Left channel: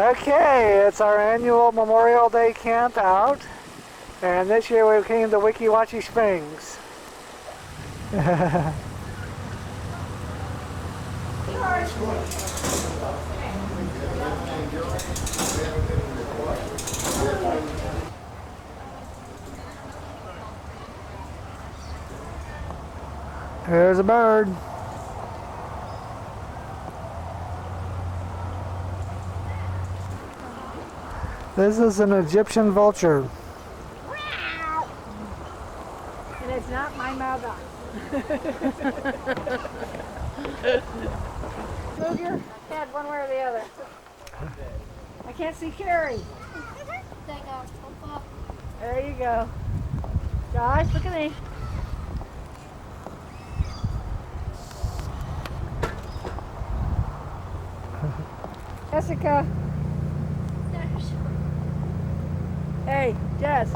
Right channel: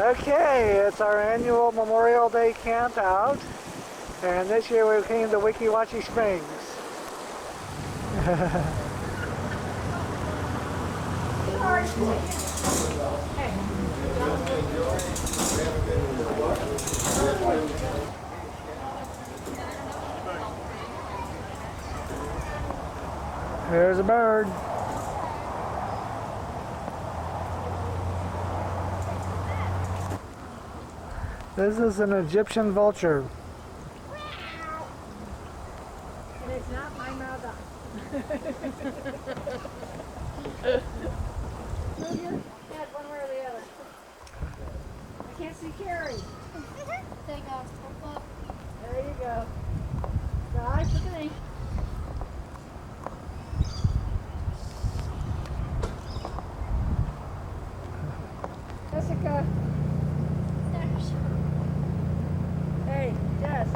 Okay, it's our annual Memorial Day camp out, and this year we came to Weeki Wachee Springs. There's a bird. This is an Egyptian vulture. And it's not my mother. Move your head one way or the other. I can't see Carrie. There you go. Guys, look at me. Jessica. Hey, Jess.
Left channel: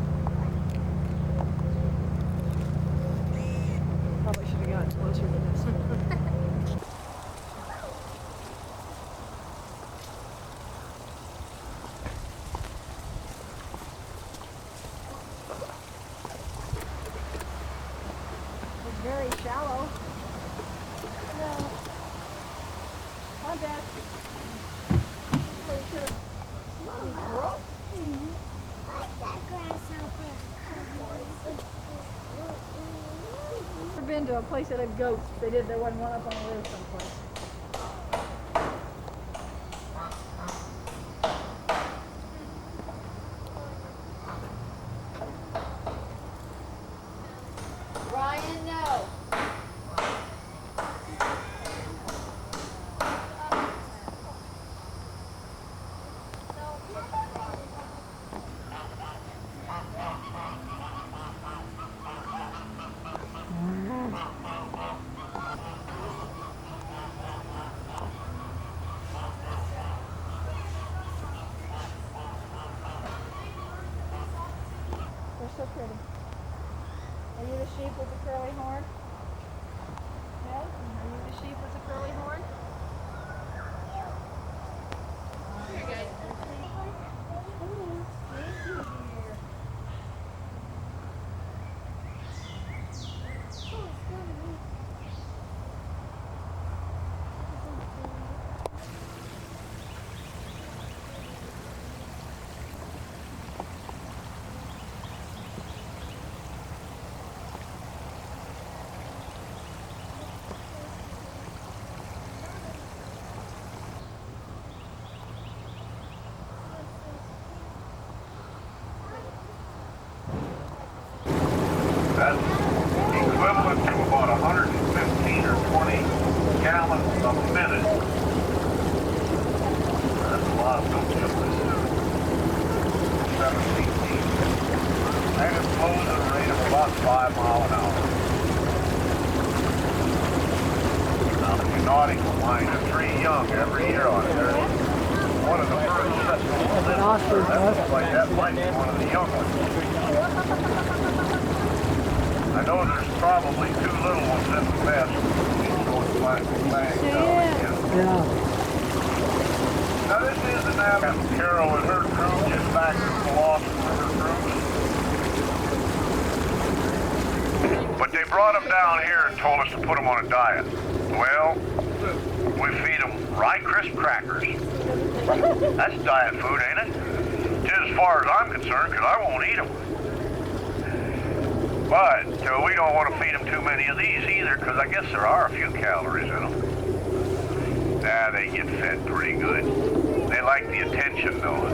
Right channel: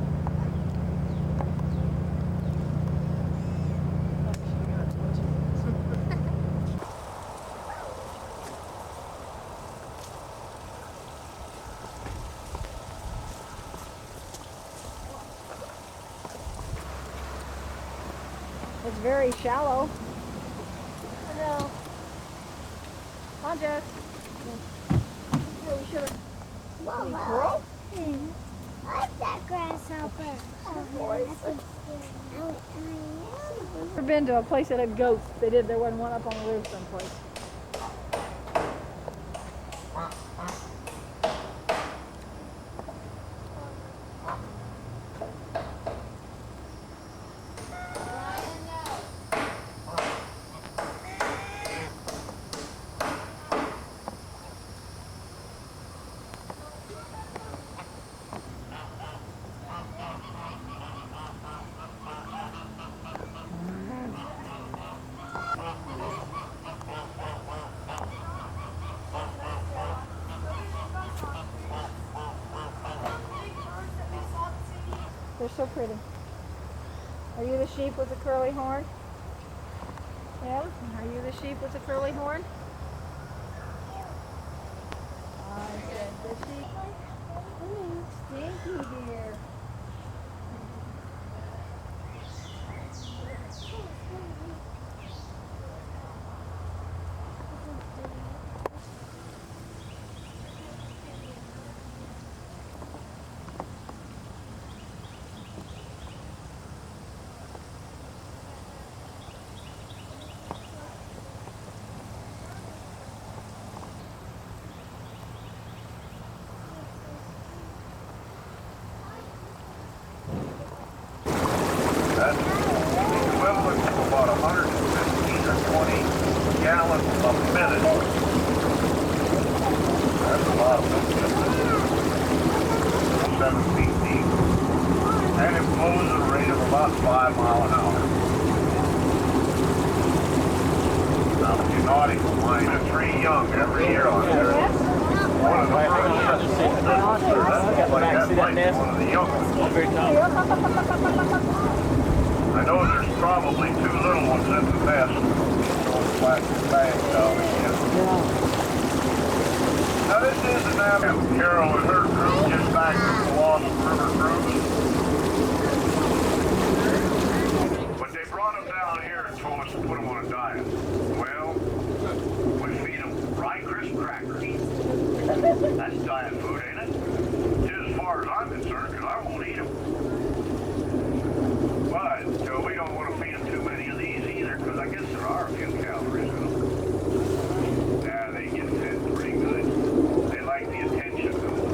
It's very shallow. Hello. Come on, Jess. Well, you should have. Mama. What's that grasshopper? I've been to a place that had goats. They did. There wasn't one up on the roof someplace. They're so pretty. Are you the sheep with the curly horn? Yes? Are you the sheep with the curly horn? I said the sheep. Thank you, dear. That's equivalent to about 115 or 20 gallons a minute. That's a lot of milk just to do. 7 feet deep. And it flows at a rate of about 5 miles an hour. Now, the nautical line is 3 young every year on there. One of the first that's like that might be one of the young ones. I know there's probably 2 little ones in the nest. Those plastic bags down again. Now this is an Annette. Carol and her crew just back from the Lost River cruise. But they brought them down here and told us to put them on a diet. Well, we feed them rye crisp crackers. That's diet food, ain't it? Just as far as I'm concerned, because I won't eat them. But we don't want to feed them too many of these either, because I guess there are a few calories in them. Yeah, they get fed pretty good. They like the attention, though.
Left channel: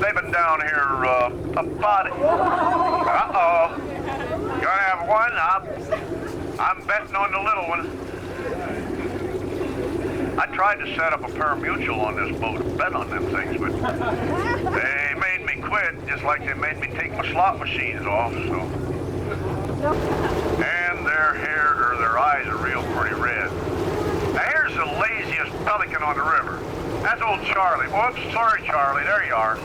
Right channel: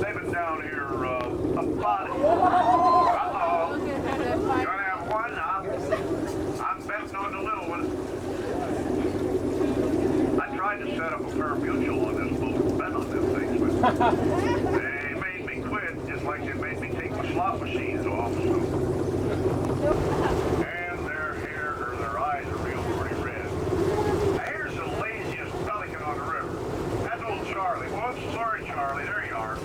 They've been down here about... Uh-oh. You want to have one? I'm betting on the little one. I tried to set up a pari-mutuel on this boat and bet on them things, but they made me quit, just like they made me take my slot machines off, so. And their hair, or their eyes are real pretty red. Now here's the laziest pelican on the river. That's old Charlie. Whoops, sorry Charlie, there you are.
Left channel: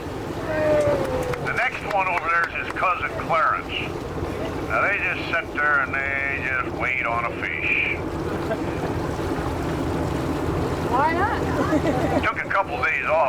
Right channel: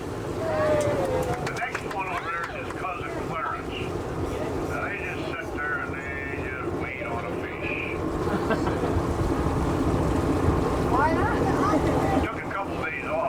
The next one over there is his cousin Clarence. Now they just sit there and they just wait on a fish. Why not? Took a couple days off.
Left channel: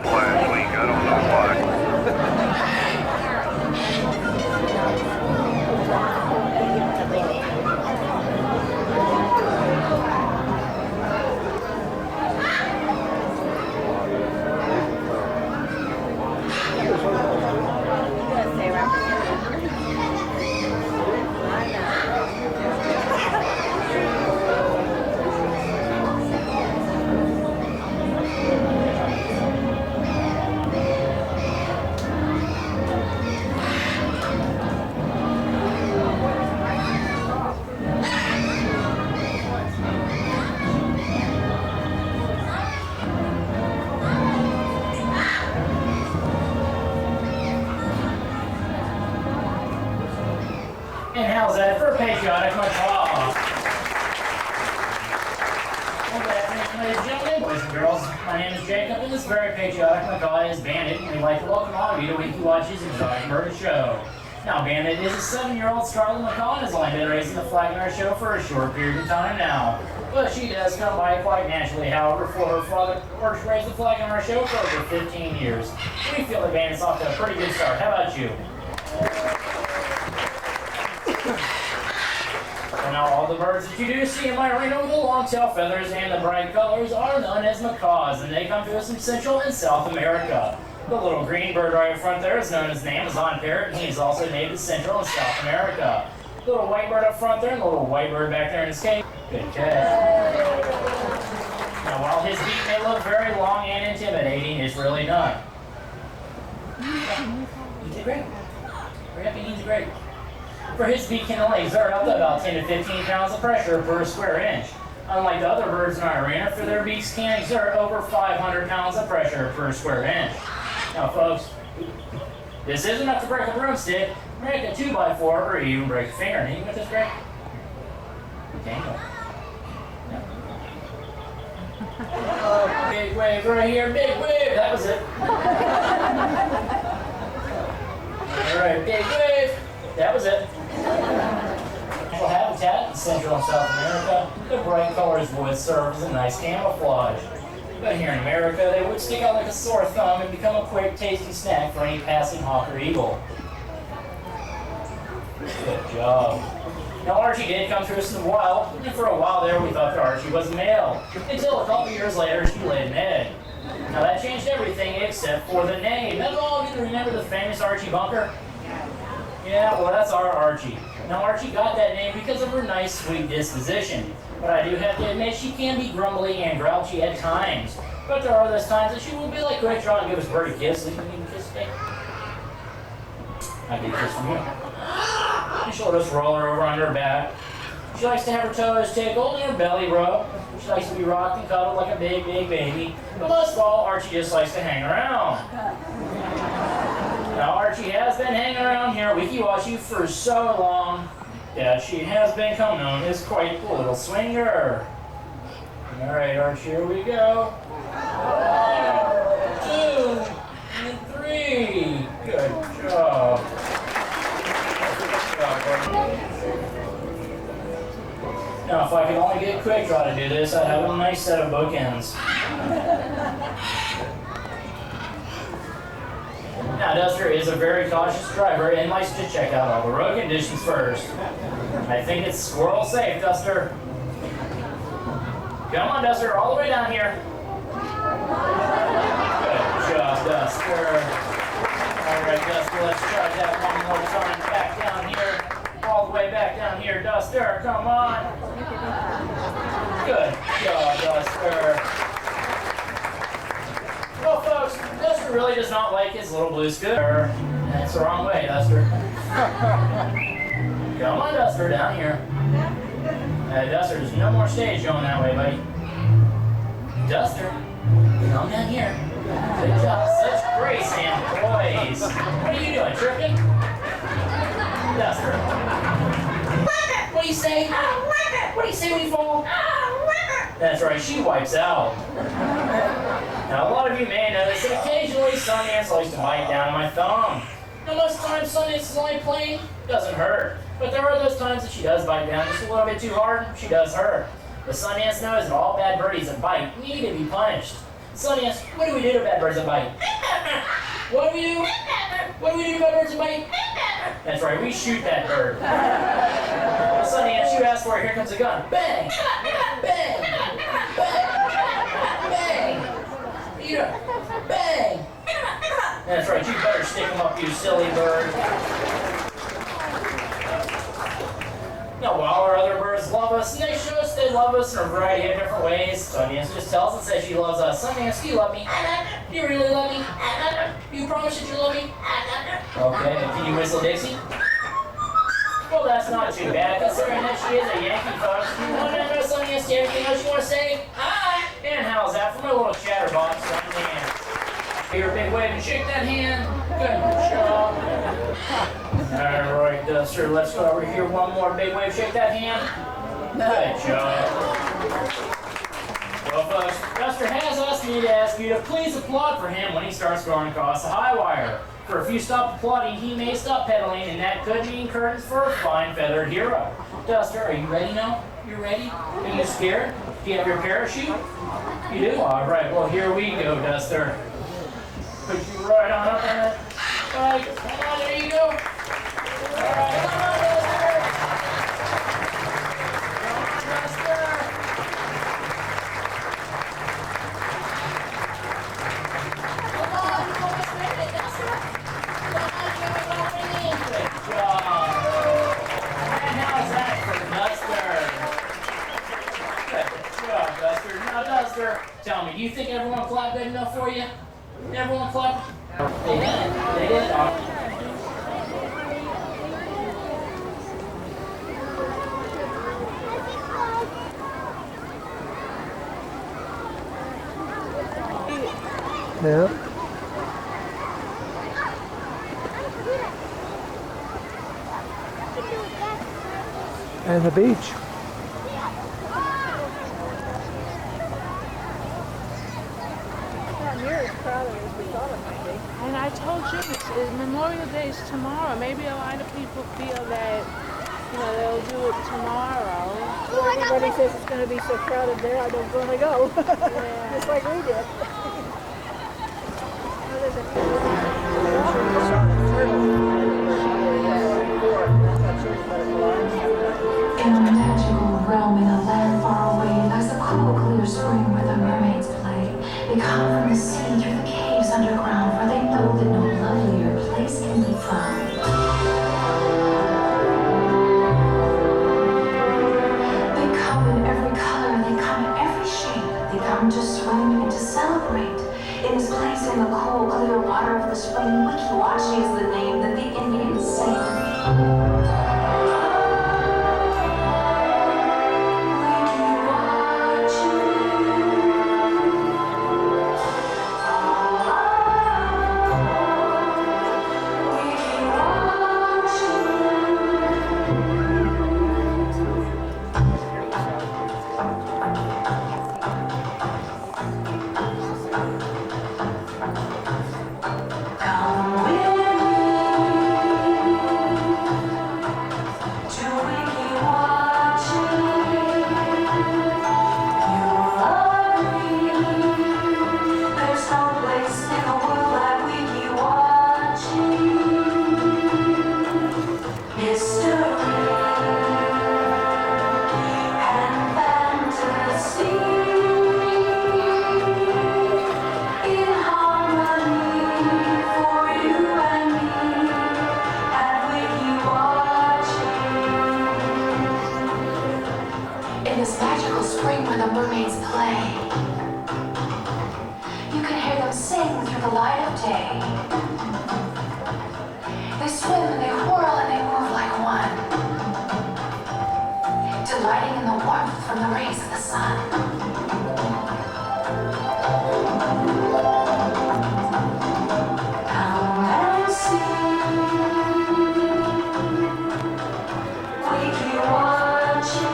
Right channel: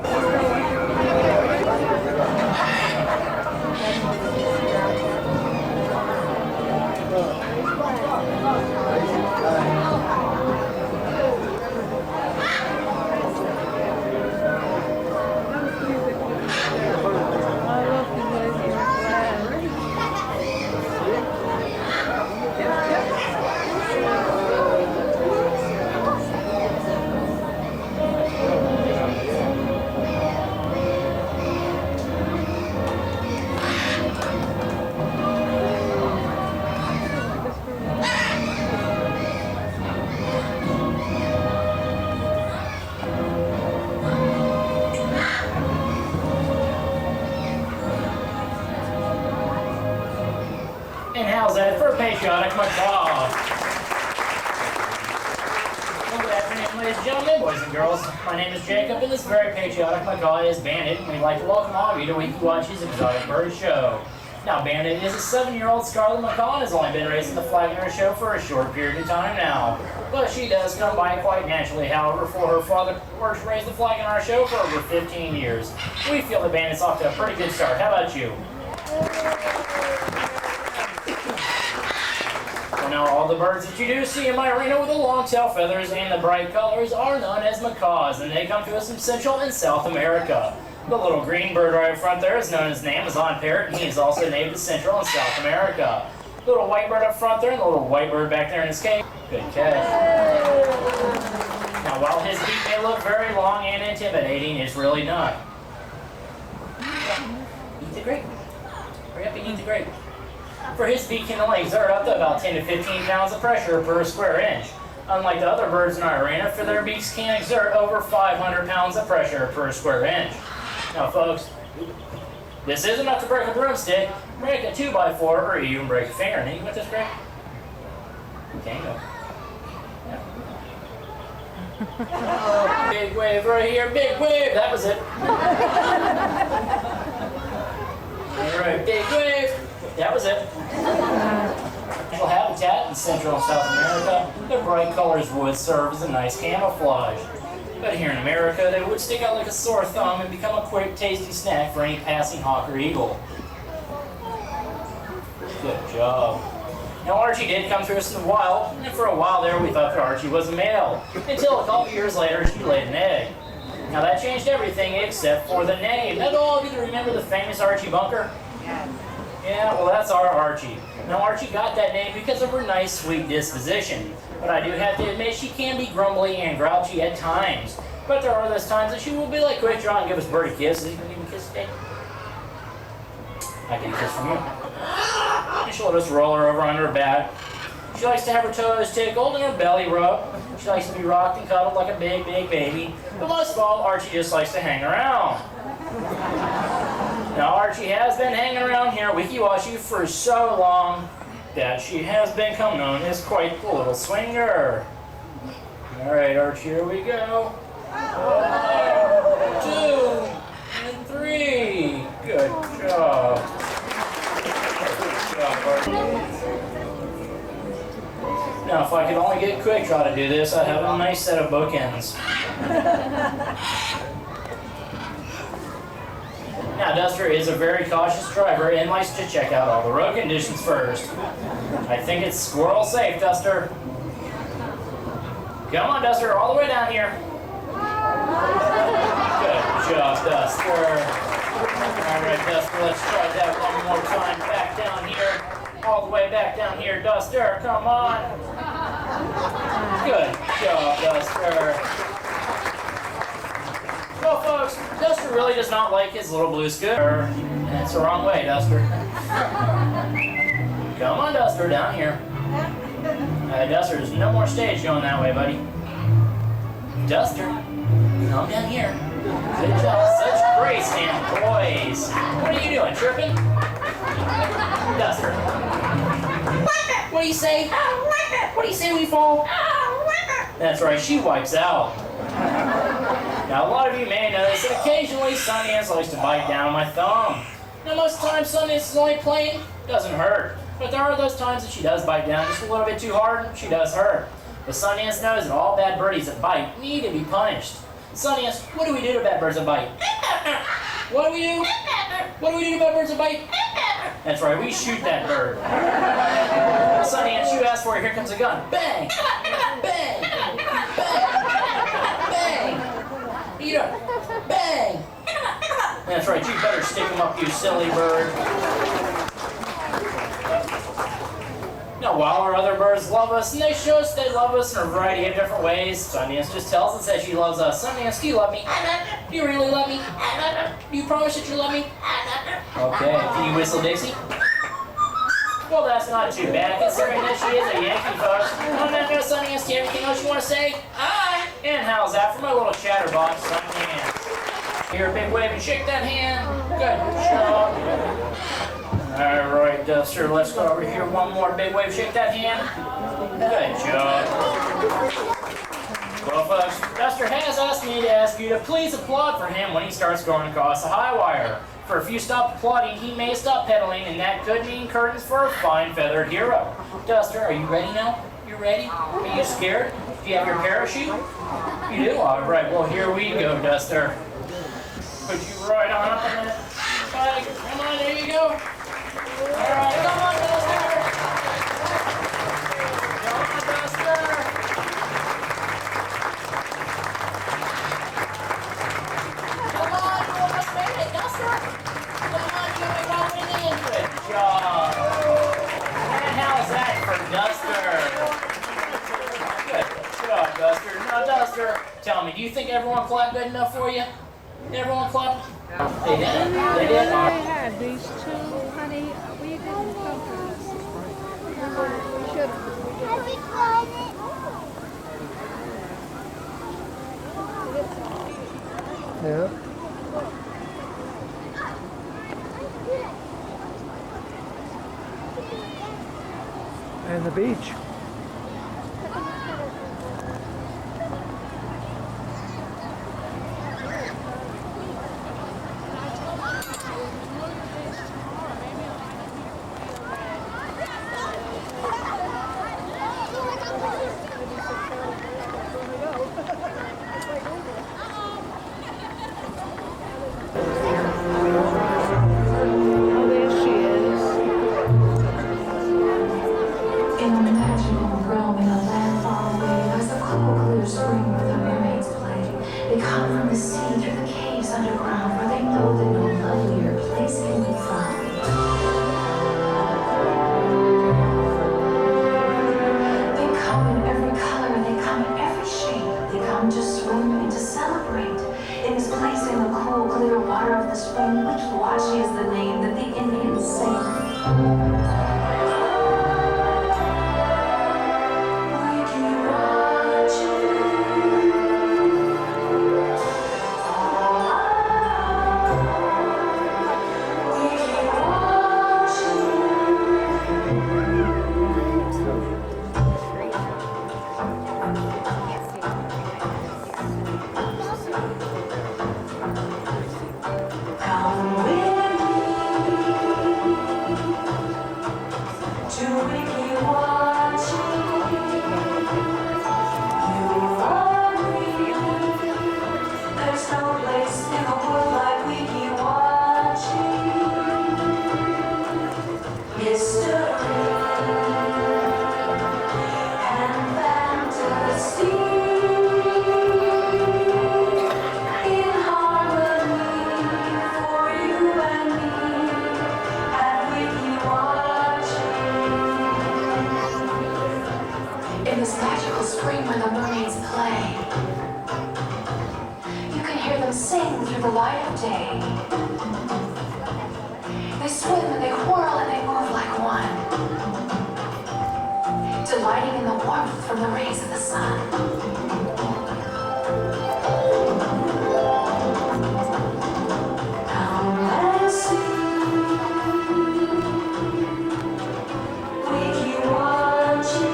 And how's that for patriotic macaw? Well, good afternoon, ladies and gentlemen, boys and girls. My name is Jacob, and this very patriotic macaw is Bandit, and we'd like to welcome all of you to Weeki Wachee's Exotic Bird Show. Now, Bandit is a 7-year-old scarlet macaw and has only been raising the flag in our show for a short period of time now. But she does come by quite naturally, however, for her father worked to raise the flag in our show for over 15 years. We feel that Bandit's off to a pretty good start. How about you? Well, now, all the birds that you do see in my arena with the long tail feathers and the bright colors are known as macaws, and they come to us from Central and South America. The little green bird right in front there is known as an Amazon parrot, and he is also native to Central and South America. The little white bird up front there and the little white bird back there in his cage. Good catch. Now, while his beak may look very long and intimidating, it's really not. Eat the grape. Hurry up and eat the grape. For his beak can only exert up to about 10 to 15 pounds of pressure per square inch. Unlike the other birds in our arena, for their beaks can exert over 500 pounds of pressure per square inch. Now, folks, this is enough to break a broomstick, break a 2x4, or even break a finger. And you can put this back. You can go. Oh, big wave right here, big wave. That was it. All right, big wave. That was it. Natural habitat in Central and South America, the bright colors would serve as a nice camouflage. But here in America, they would stick out like a sore thumb and become a quick, tasty snack for any passing hawk or eagle. Good job. Now, Archie did come to us in the wild, and for a while there, we thought that Archie was a male, until a couple years later, she laid an egg. Now, that changed everything except for the name. Now, do all of you remember the famous Archie Bunker? Yeah, well, that's our Archie. Now, Archie got that name because of her nice, sweet disposition. But I do have to admit, she can be grumbly and grouchy at times. But there are those times that she will be like Great Draw and give us Birdie gifts. You can kiss me. I get a kiss from you. And she'll just roll her over on her back. She likes to have her toes tickled and her belly rubbed. She likes to be rocked and cuddled like a big, big baby. But most of all, Archie just likes to hang around. Now, Archie has been hanging around here at Weeki Wachee for so long that she has become known as quite the little swinger. All right, Archie, here we go. 1, 2, and 3. Good job. Good job, Archie. Now, if I could only get Quick Draw to do this, I'd have a nice set of bookends. Now, Duster is a very cautious driver and likes to check out all the road conditions first. I think it's squirrel safe, Duster. Come on, Duster, all the way down here. Good job, Duster. All right, Duster, let's try that one more time. Back down here. All the way back down here, Duster. Come on. Good job, Duster. Well, folks, Duster really does not like his little blue scooter. That's the wrong way, Duster. Come on, Duster, down here. Duster, there's no more stage going that way, buddy. Duster, come down here. Good job. Such grace and poise. What are you doing, tripping? Duster. What do you say? What do you say when you fall? That's right, she wipes out. Now, a lot of you may notice that occasionally Sundance likes to bite down my thumb. Now, most times Sundance is only playing, doesn't hurt. But there are those times that she does bite down just a little bit too hard, she does hurt. But Sundance knows that all bad birdies that bite need to be punished. Sundance, what do we do to bad birds that bite? What do we do? What do we do to bad birds that bite? That's right, we shoot that bird. Sundance, you asked for it, here comes a gun. Bang! Bang! Bang! Bang! Eat her! Bang! That's right, you better stick him up, you silly bird. Now, while our other birds love us, and they show us they love us in a variety of different ways, Sundance just tells us that she loves us. Sundance, do you love me? Do you really love me? Do you promise that you love me? Okay, can you whistle Dixie? Well, that's not too bad, considering that she is a Yankee, folks. Come on, now, Sundance, do you have anything else you want to say? And how's that for my little chatterbox, Sundance? Here, big wave and shake that hand. Good job. All right, Duster, let's go over here. One more big wave, shake that hand. Good job. Well, folks, Duster has asked me to ask you to please applaud for him when he starts going across the high wire. For if you stop applauding, he may stop pedaling, and that could mean curtains for a fine feathered hero. Duster, are you ready now? You ready? Are you scared? Do you have your parachute? You do? All right, well, here we go, Duster. Put you right on up on that bike. Come on, there you go. All right, come on, Duster. Come on, Duster. Come on, you almost made it, Duster. Come on, you almost went in. Good job. And how's that for Duster? Good job, Duster. Now, Duster, tell me, do you think everyone clapped good enough for you? Everyone clap. They did. They did. Yeah. And the beach. Memorial Day is tomorrow. Maybe a lot of people feel that they'll do it tomorrow. Everybody says it's going to be so crowded there, I don't want to go. Just like we did. In a magical realm, in a land far away, lies a cool, clear spring where the mermaids play. They come from the sea through the caves underground, for they know that no lovelier place can be found. They come in every color, they come in every shape. They come to swim and to celebrate. It is placed in the cool, clear water of the spring. Weeki Wachee is the name that the Indians sing. In this magical spring where the mermaids play, you can hear them sing through the light of day. They swim and they whirl and they move like one, delighting in the warmth from the rays of the sun. Come and see, Weeki Wachee.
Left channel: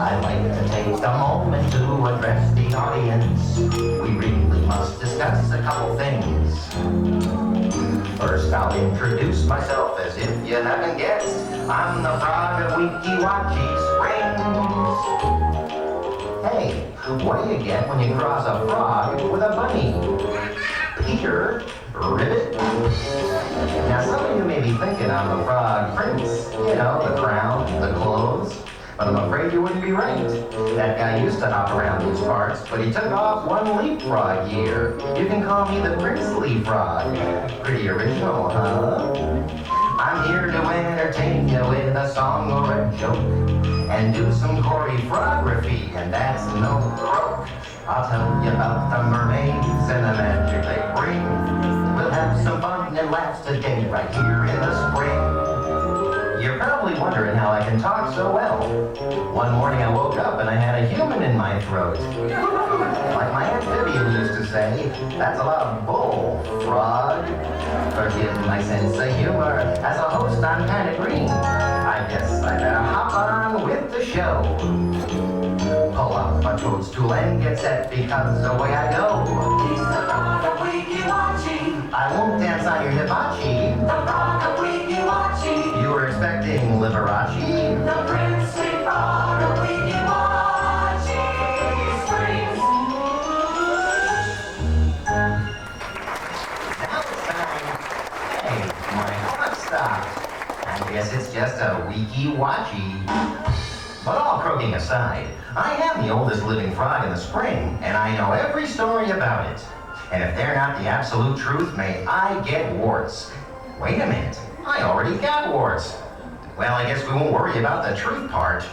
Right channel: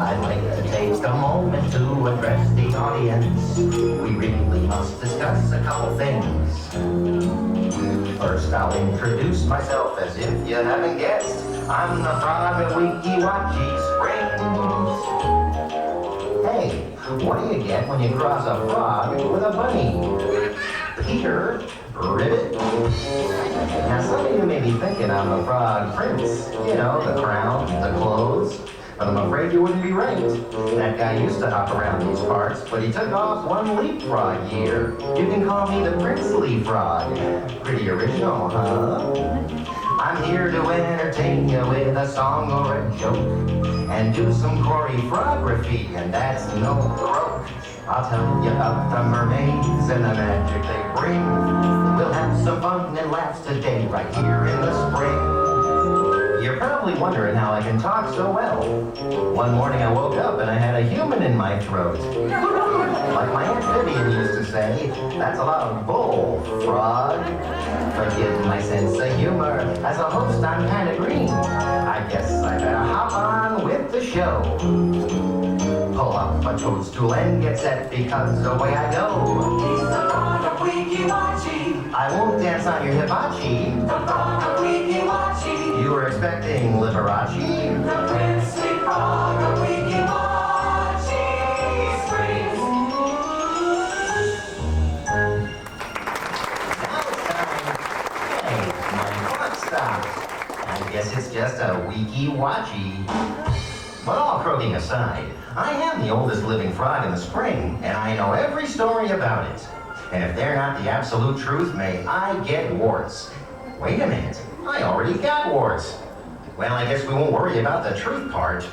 I'd like to take a moment to address the audience. We really must discuss a couple things. First, I'll introduce myself as if you haven't guessed. I'm the frog of Weeki Wachee Springs. Hey, what do you get when you cross a frog with a bunny? Peter, ribbit. Now, some of you may be thinking I'm a frog prince. You know, the crown, the clothes. But I'm afraid you wouldn't be right. That guy used to hop around these parts, but he took off one leapfrog year. You can call me the princely frog. Pretty original, huh? I'm here to entertain you with a song or a joke. And do some choreography, and that's no joke. I'll tell you about the mermaids and the magic they bring. We'll have some fun and laughs today right here in the spring. You're probably wondering how I can talk so well. One morning I woke up and I had a human in my throat. Like my Aunt Vivian used to say, that's a lot of bull, frog. Forgive my sense of humor. As a host, I'm kind of green. I guess I better hop on with the show. Pull up a toadstool and get set because away I go. He's the frog of Weeki Wachee. I won't dance on your hibachi. The frog of Weeki Wachee. You were expecting Liberace? The princely frog of Weeki Wachee Springs. Now it's time. Hey, my clock stopped. I guess it's just a Weeki Wachee. But all croaking aside, I am the oldest living frog in the spring, and I know every story about it. And if they're not the absolute truth, may I get warts. Wait a minute, I already got warts. Well, I guess we won't worry about the truth part.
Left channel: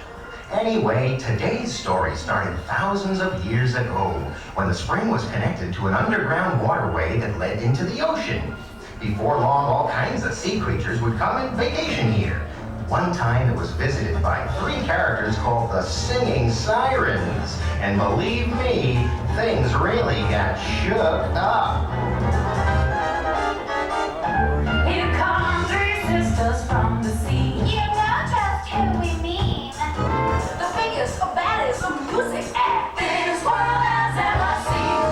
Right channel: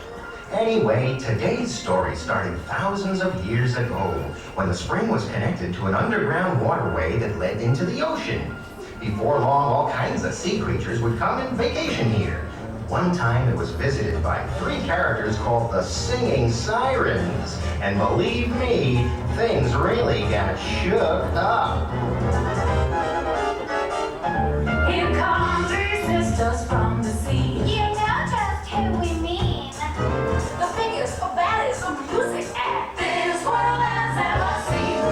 Anyway, today's story started thousands of years ago, when the spring was connected to an underground waterway that led into the ocean. Before long, all kinds of sea creatures would come and vacation here. One time it was visited by 3 characters called the Singing Sirens. And believe me, things really got shook up. Here come 3 sisters from the sea. You know just who we mean. The biggest, the baddest, the music act this world has ever seen.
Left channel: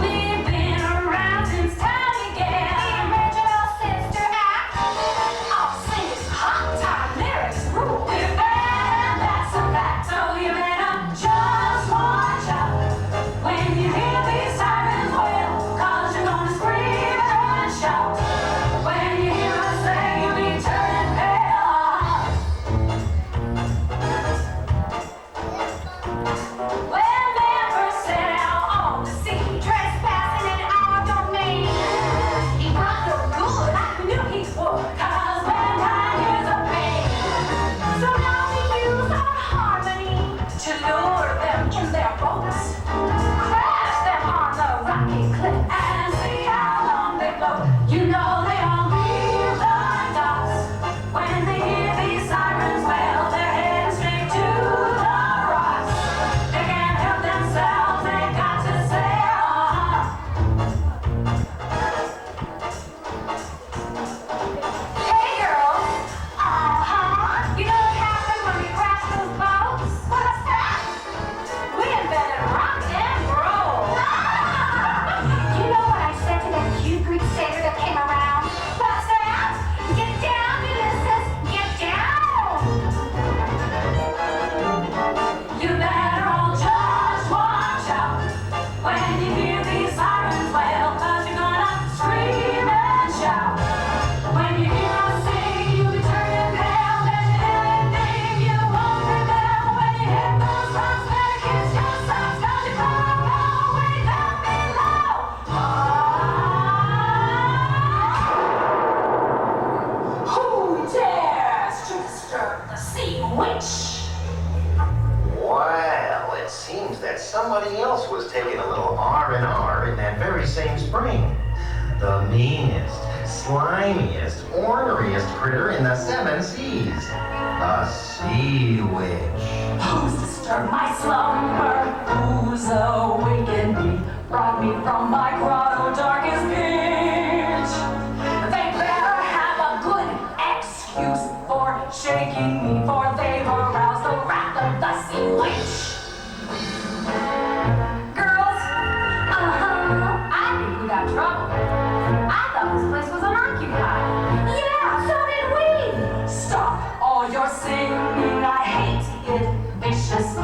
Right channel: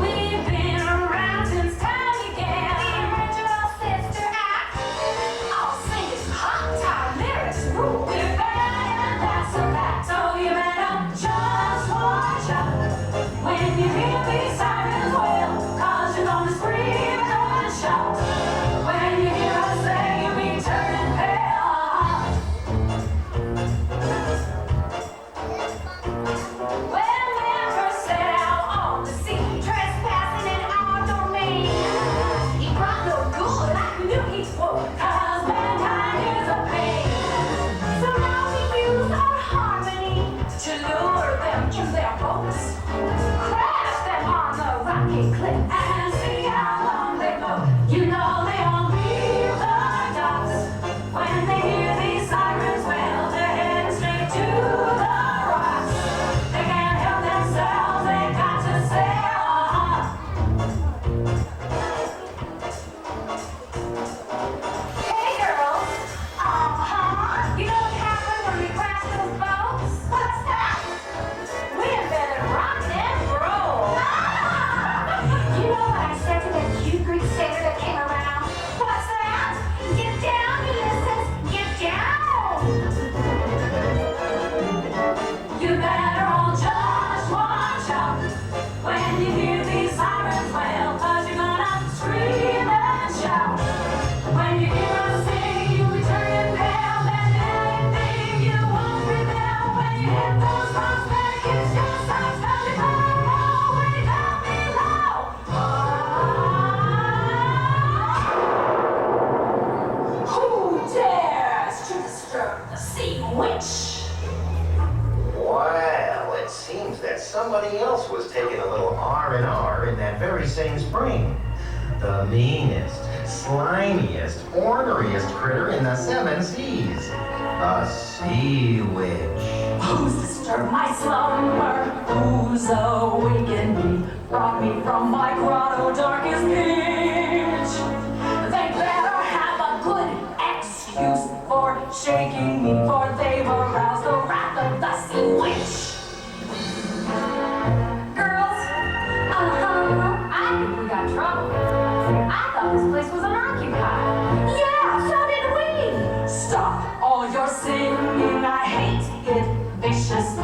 We've been around since time began. The original sister act. Our singers, hot time lyrics rule. We're bad, that's a fact. So you better just watch out when you hear these sirens wail. 'Cause you're gonna scream and shout when you hear us say you'll be turning pale. When we first set out on the sea, Trespassing in our domain. he brought no good, I knew he would. 'Cause mankind is a pain. So now we use our harmony. To lure them in their boats, crash them on the rocky cliff, and see how long they float. You know they all leave the docks when they hear these sirens wail. They're heading straight to the rocks. They can't help themselves, they got to sail. Hey girls, you know what happens when we crash those boats? What's that? We invented rock and roll. You know what I said to that cute Greek sailor that came around? What's that? Get down, Ulysses! Get down! You better all just watch out when you hear these sirens wail. 'Cause you're gonna scream and shout when you hear us sing. You'll be turning pale. There's anything you won't rebel when you hit those rocks. Better kiss your socks 'cause you're gonna go way down below. Who dares to disturb the sea witch? Well, it seems that somebody else was taking a little R&R in that very same spring. The meanest, slimiest, orneriest critter in the 7 seas. A sea witch. Who's disturbed my slumber? Who's awakened me? Brought me from my grotto darkest pitch? They better have a good excuse for shaking me, for they've aroused the wrath of the sea witch.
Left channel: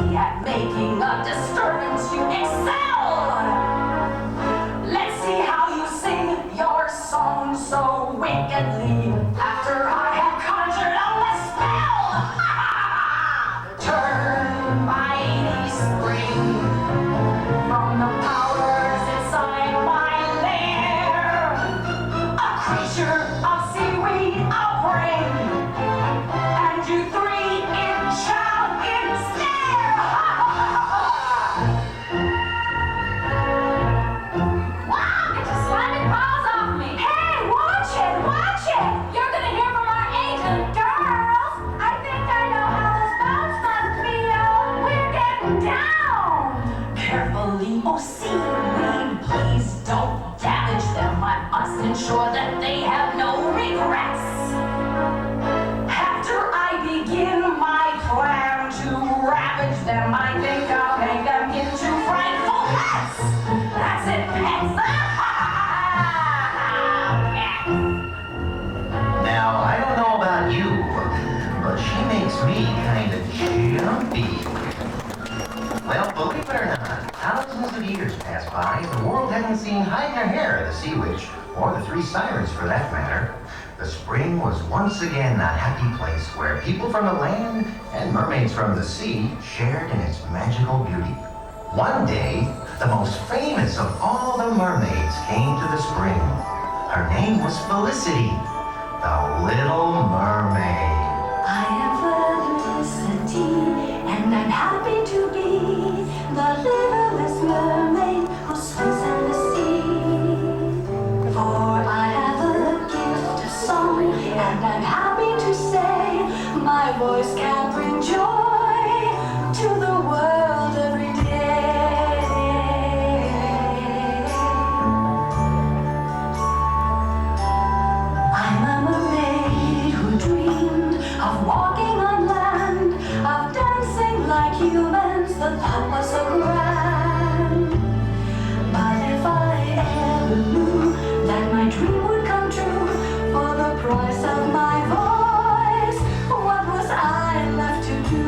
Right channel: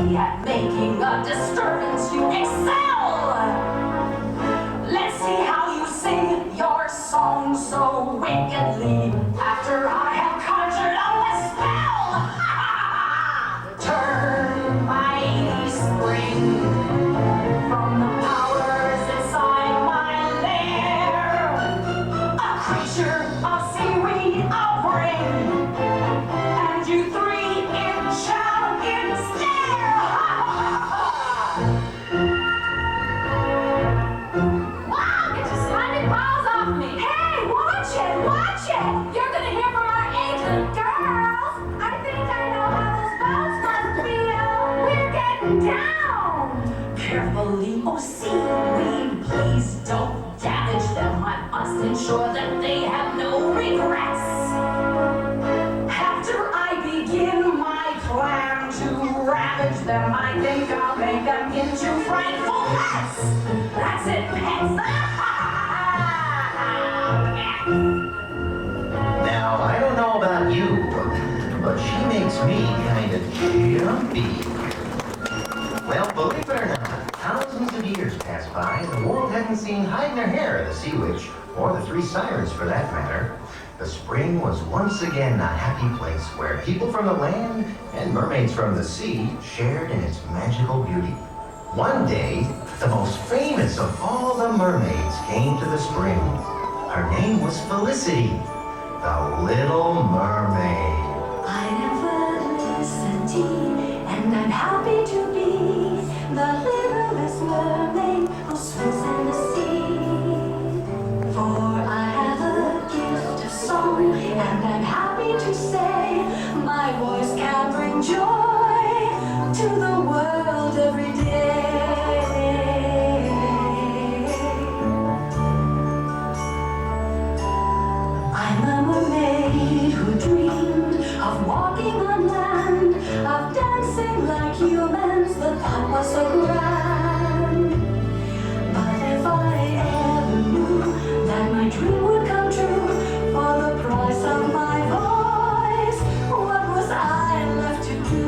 ability at making a disturbance, you excel. Let's see how you sing your song so wickedly after I have conjured up a spell. Turn mighty spring from the powers inside my lair. A creature of seaweed I'll bring, and you three enchant in stare. Wow, get your slimy paws off me. Hey, watch it, watch it. You're gonna hear from our agent. Girls, I think I know how those boats must feel. We're getting down. Carefully, oh seaweed, please don't damage them. I must ensure that they have no regrets. After I begin my plan to ravage them, I think I'll make them into frightful pets. That's it, pets. Now, I don't know about you, but she makes me kind of jumpy. Well, believe it or not, thousands of years pass by, and the world hasn't seen hide nor hair of the Sea Witch, or the three sirens for that matter. The spring was once again a happy place where people from the land and mermaids from the sea shared in its magical beauty. One day, the most famous of all the mermaids came to the spring. Her name was Felicity, the Little Mermaid. I am Felicity, and I'm happy to be the littlest mermaid who swims in the sea. For I have a gift of song, and I'm happy to say my voice can bring joy to the world every day. I'm a mermaid who dreamed of walking on land, of dancing like humans, the thought was so grand. But if I ever knew that my dream would come true, for the price of my voice, what was I left to do?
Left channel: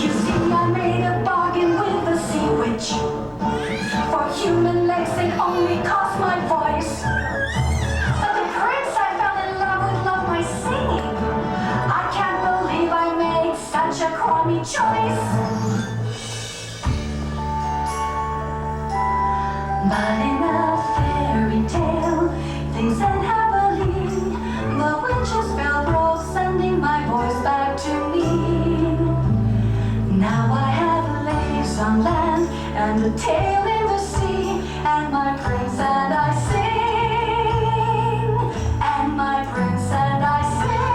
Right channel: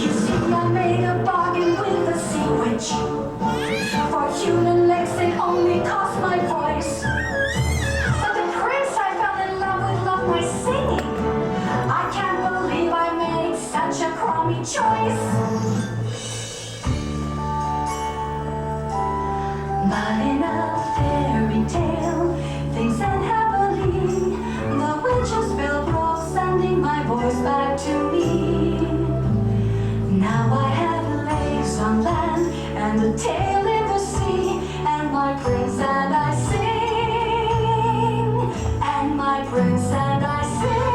You see, I made a bargain with the Sea Witch. For human legs, it only cost my voice. But the prince I fell in love with loved my singing. I can't believe I made such a crummy choice. But in a fairy tale, things end happily. The witch's spell broke, sending my voice back to me. Now I have legs on land and a tail in the sea, and my prince and I sing, and my prince and I sing,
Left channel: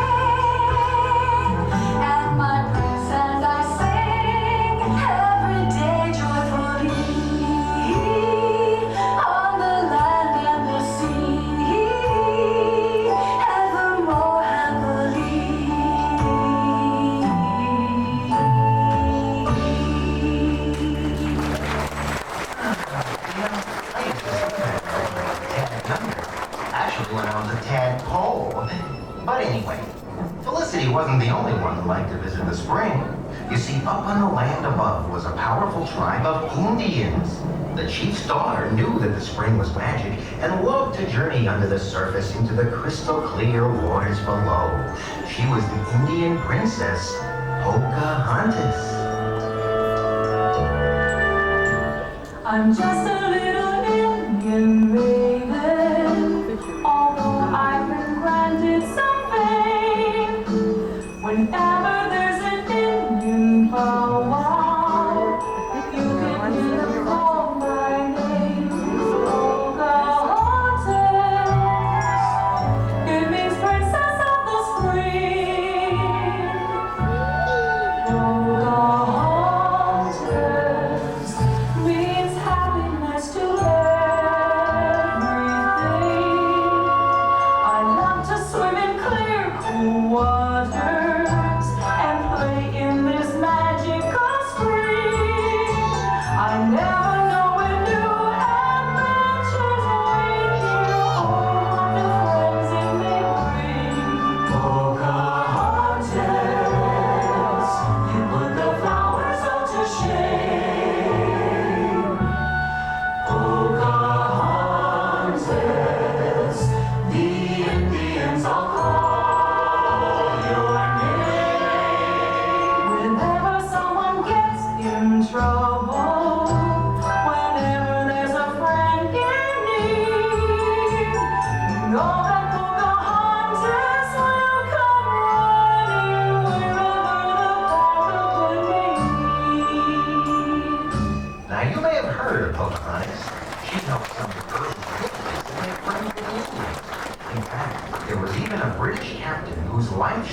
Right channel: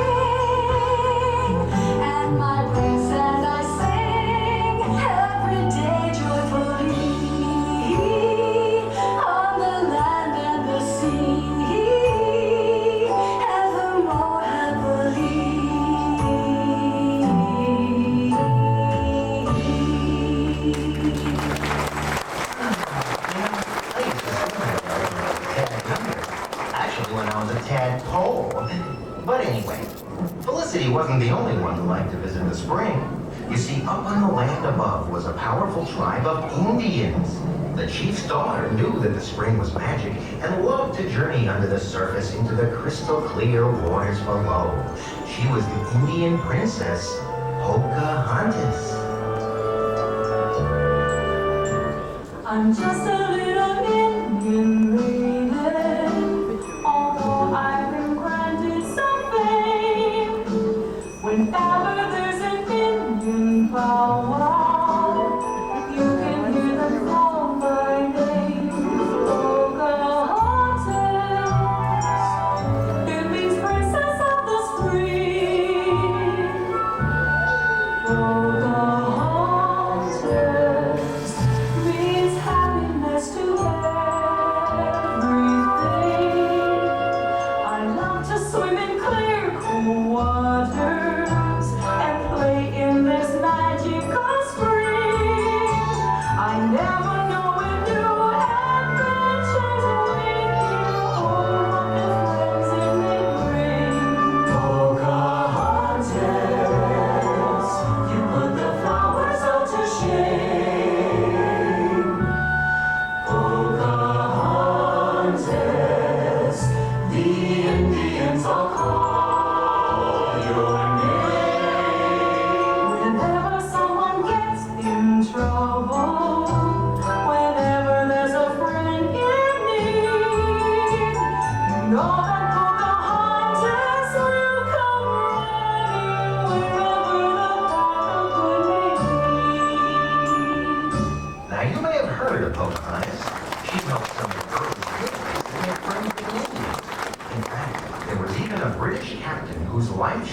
and my prince and I sing every day joyfully on the land and the sea, evermore happily. Actually, when I was a tadpole. But anyway, Felicity wasn't the only one who liked to visit the spring. You see, up on the land above was a powerful tribe of Indians. The chief's daughter knew that the spring was magic and loved to journey under the surface into the crystal clear waters below. She was the Indian princess, Pocahontas. I'm just a little Indian raven, although I've been granted some fame. Whenever there's an Indian powwow, you can hear them call my name, Pocahontas. It means princess of the spring. Pocahontas means happiness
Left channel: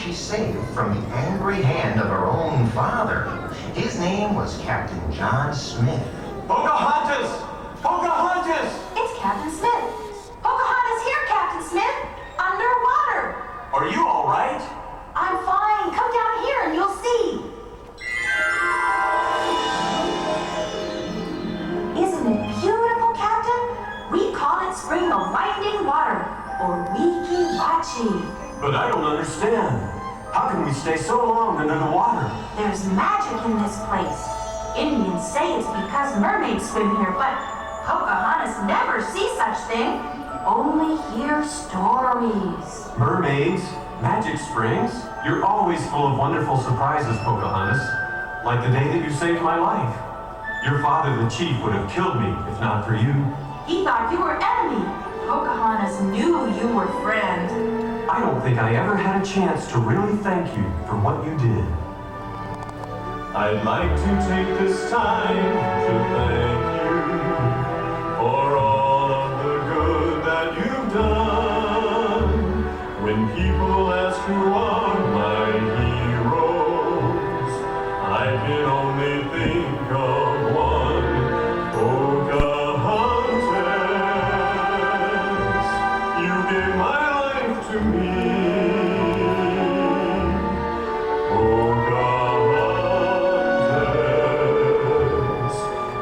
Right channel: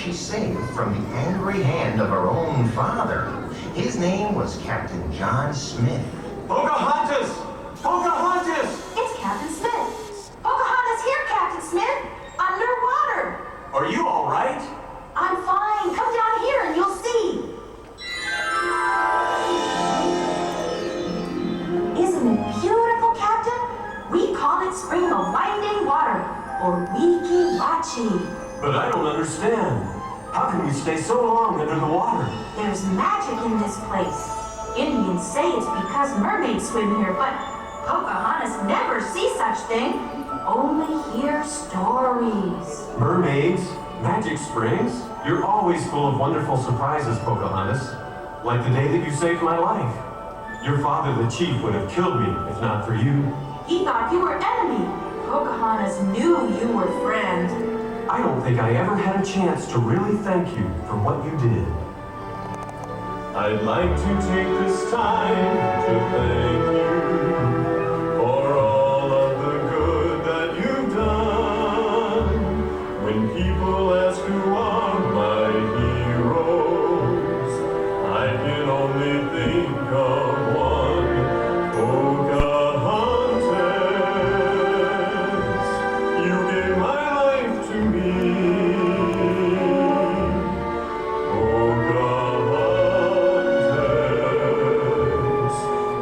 she saved from the angry hand of her own father. His name was Captain John Smith. Pocahontas! Pocahontas! It's Captain Smith. Pocahontas here, Captain Smith. Underwater. Are you all right? I'm fine. Come down here and you'll see. Isn't it beautiful, Captain? We call it Spring of Winding Water, or Weeki Wachee. But I don't understand. How can we stay so long under the water? There's magic in this place. Indians say it's because mermaids swim here, but Pocahontas never sees such thing. Only hear stories. Mermaids? Magic springs? You're always full of wonderful surprises, Pocahontas. Like the day that you saved my life. Your father, the chief, would have killed me if not for you. He thought you were enemy. Pocahontas knew you were friend. I don't think I ever had a chance to really thank you for what you did. I'd like to take this time to thank you for all of the good that you've done. When people ask who are my heroes, I can only think of one, Pocahontas. You gave my life to me.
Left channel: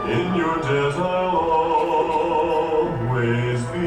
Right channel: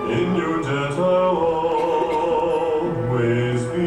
In your debt I'll always be.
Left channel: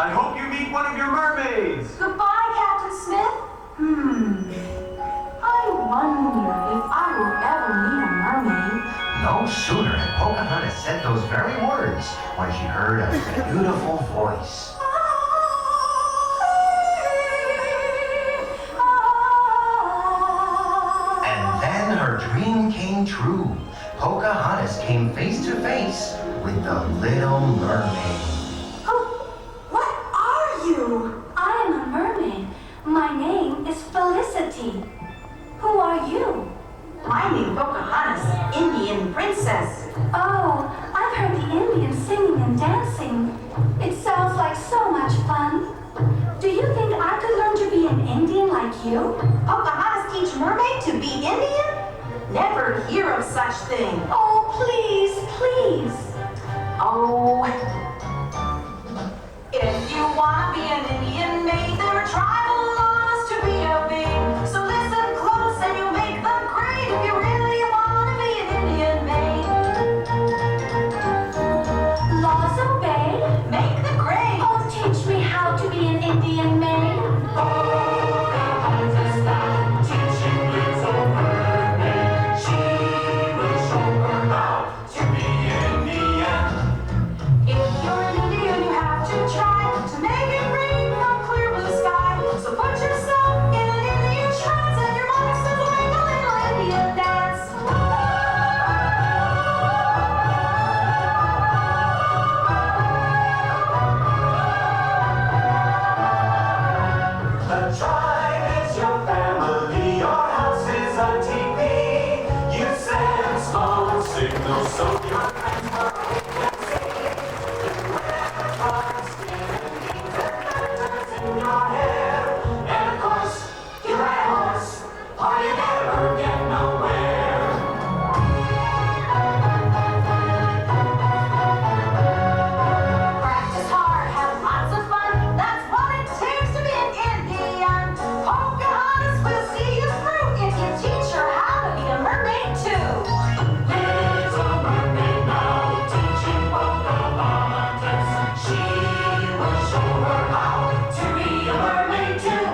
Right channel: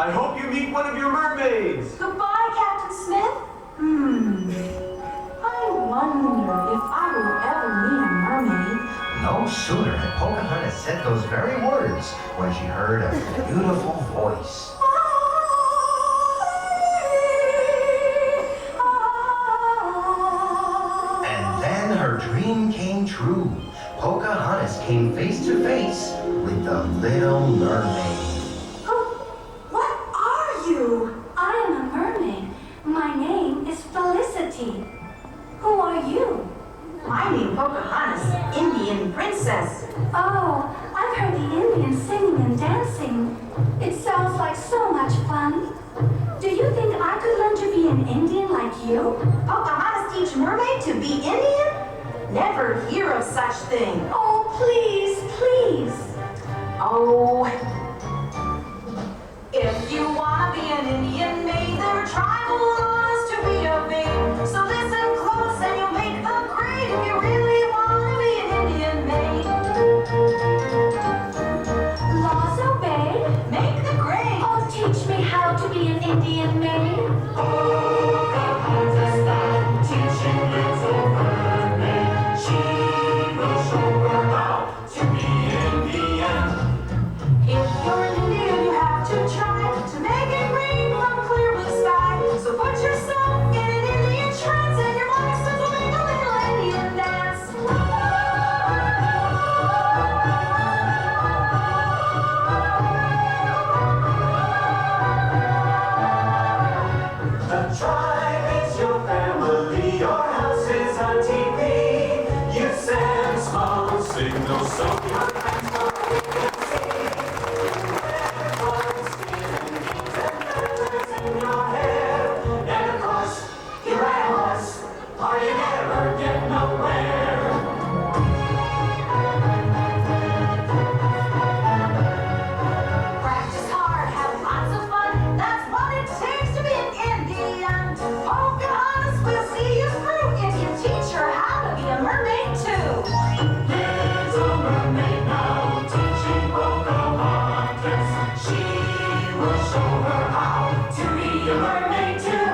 I hope you meet one of your mermaids. Goodbye, Captain Smith. I wonder if I will ever meet a mermaid. No sooner had Pocahontas said those very words when she heard a beautiful voice. And then her dream came true. Pocahontas came face to face with the Little Mermaid. What are you? I am a mermaid. My name is Felicity. Who are you? My name Pocahontas, Indian princess. Oh, I've heard the Indians singing and dancing. It sounds like so much fun. Do you think I could learn to be an Indian like you? Pocahontas teach mermaid to be Indian? Never hear of such thing. Oh, please, please. Oh, if you wanna be an Indian maid, there are tribal laws to be obeyed. So listen close and you'll make them great if you really wanna be an Indian maid. Laws obeyed. Make the grade. Oh, teach me how to be an Indian maid. Pocahontas now, teaching little mermaid. She will show her how to be Indian. If signal so your friends will hear and see. You wear flowers, and keep their feathers in your hair. And of course, you ride a horse, or you never get nowhere. Practice hard, have lots of fun. That's what it takes to be an Indian. Pocahontas will see you through if you teach her how to be a mermaid too. Little mermaid now teaching Pocahontas. She will show her how to be a mermaid too.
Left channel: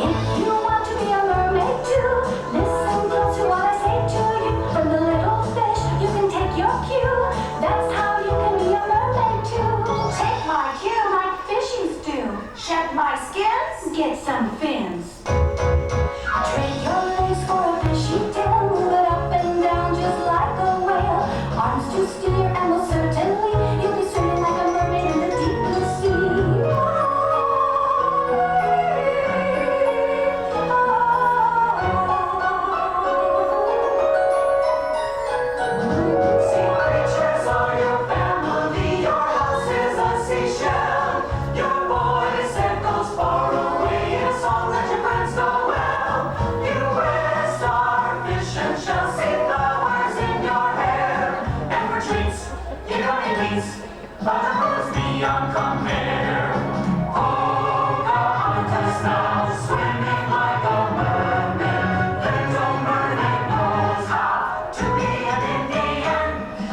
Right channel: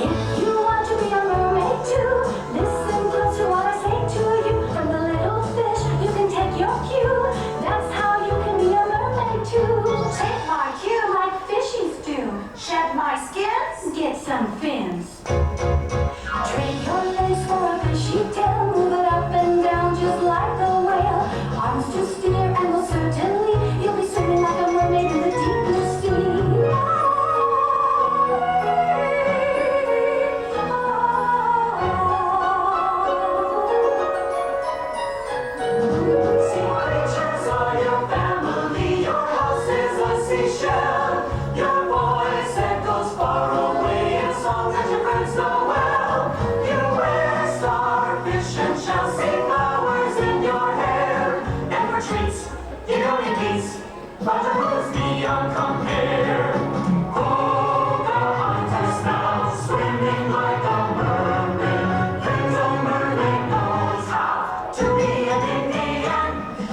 If you want to be a mermaid too, listen close to what I say to you. From the little fish, you can take your cue. That's how you can be a mermaid too. Take my cue, Like fishies do. shed my skins. Get some fins. Trade your legs for a fishy tail. Move it up and down just like a whale. Arms to steer and will certainly you'll be swimming like a mermaid in the deep blue sea. Sea creatures are your family, your house is a seashell. Your voice echoes far away in songs that your friends know well. You wear starfish and shells, see flowers in your hair. And for treats, you don't need these, but the rules beyond compare. Pocahontas now, swimming like a mermaid. Little mermaid knows how to be an Indian.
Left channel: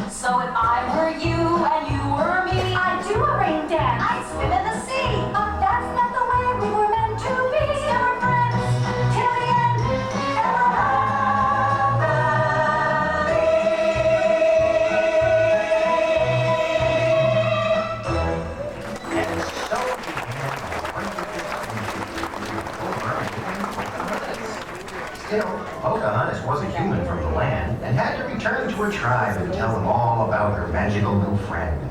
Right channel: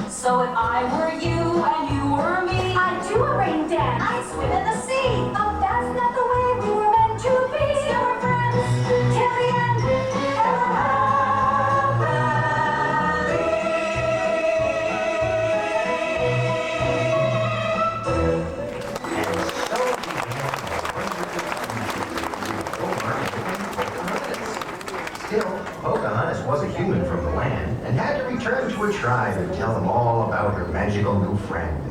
So if I were you and you were me, I'd do a rain dance. I'd swim in the sea. But that's not the way we were meant to be. Still we're friends till the end. And we'll And so began the wonderful Pocahontas. Still, Pocahontas was a human from the land and had to return to her tribe and tell them all about her magical new friend.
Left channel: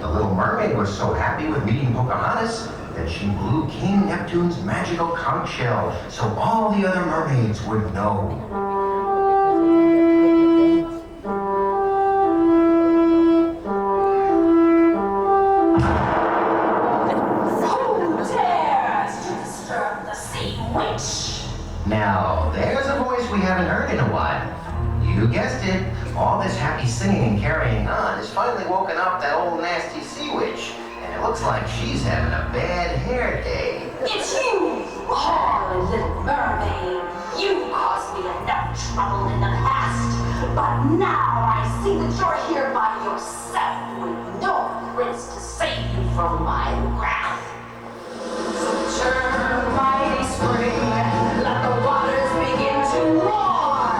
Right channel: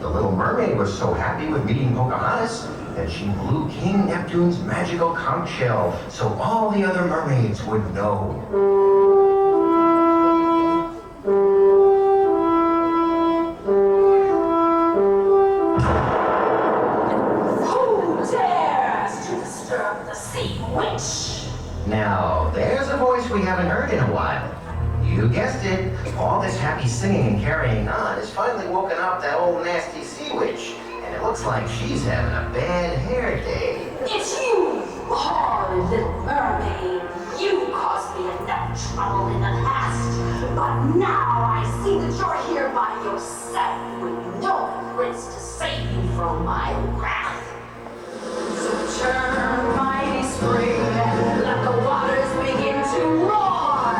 The little mermaid was so happy with meeting Pocahontas that she blew King Neptune's magical conch shell so all the other mermaids would know. Who dares to disturb the sea witch? Now, there's a voice we haven't heard in a while. You guessed it. All this happy singing and carrying on has finally woken up that old nasty sea witch. And it looks like she's having a bad hair day. It's you, horrid little mermaid. You caused me enough trouble in the past, but now I see that you're here by yourself with no prince to save you from my wrath. So turn, mighty spring, let the waters begin to roar.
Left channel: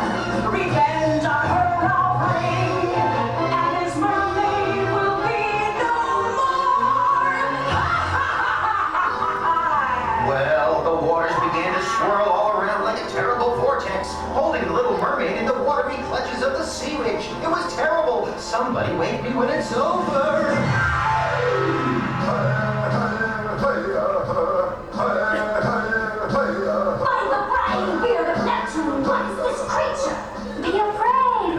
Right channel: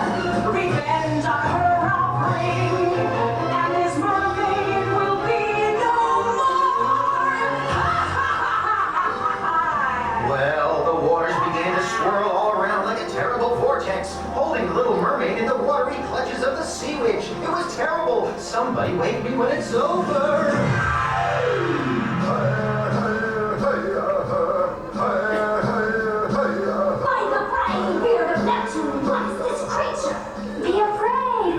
Revenge on her I'll bring, and this mermaid will be no more. Well, the waters began to swirl all around like a terrible vortex, holding the little mermaid in the watery clutches of the sea witch. It was terrible. Somebody wake me when it's over. By the flying beard of Neptune, what is this creature? Be afraid,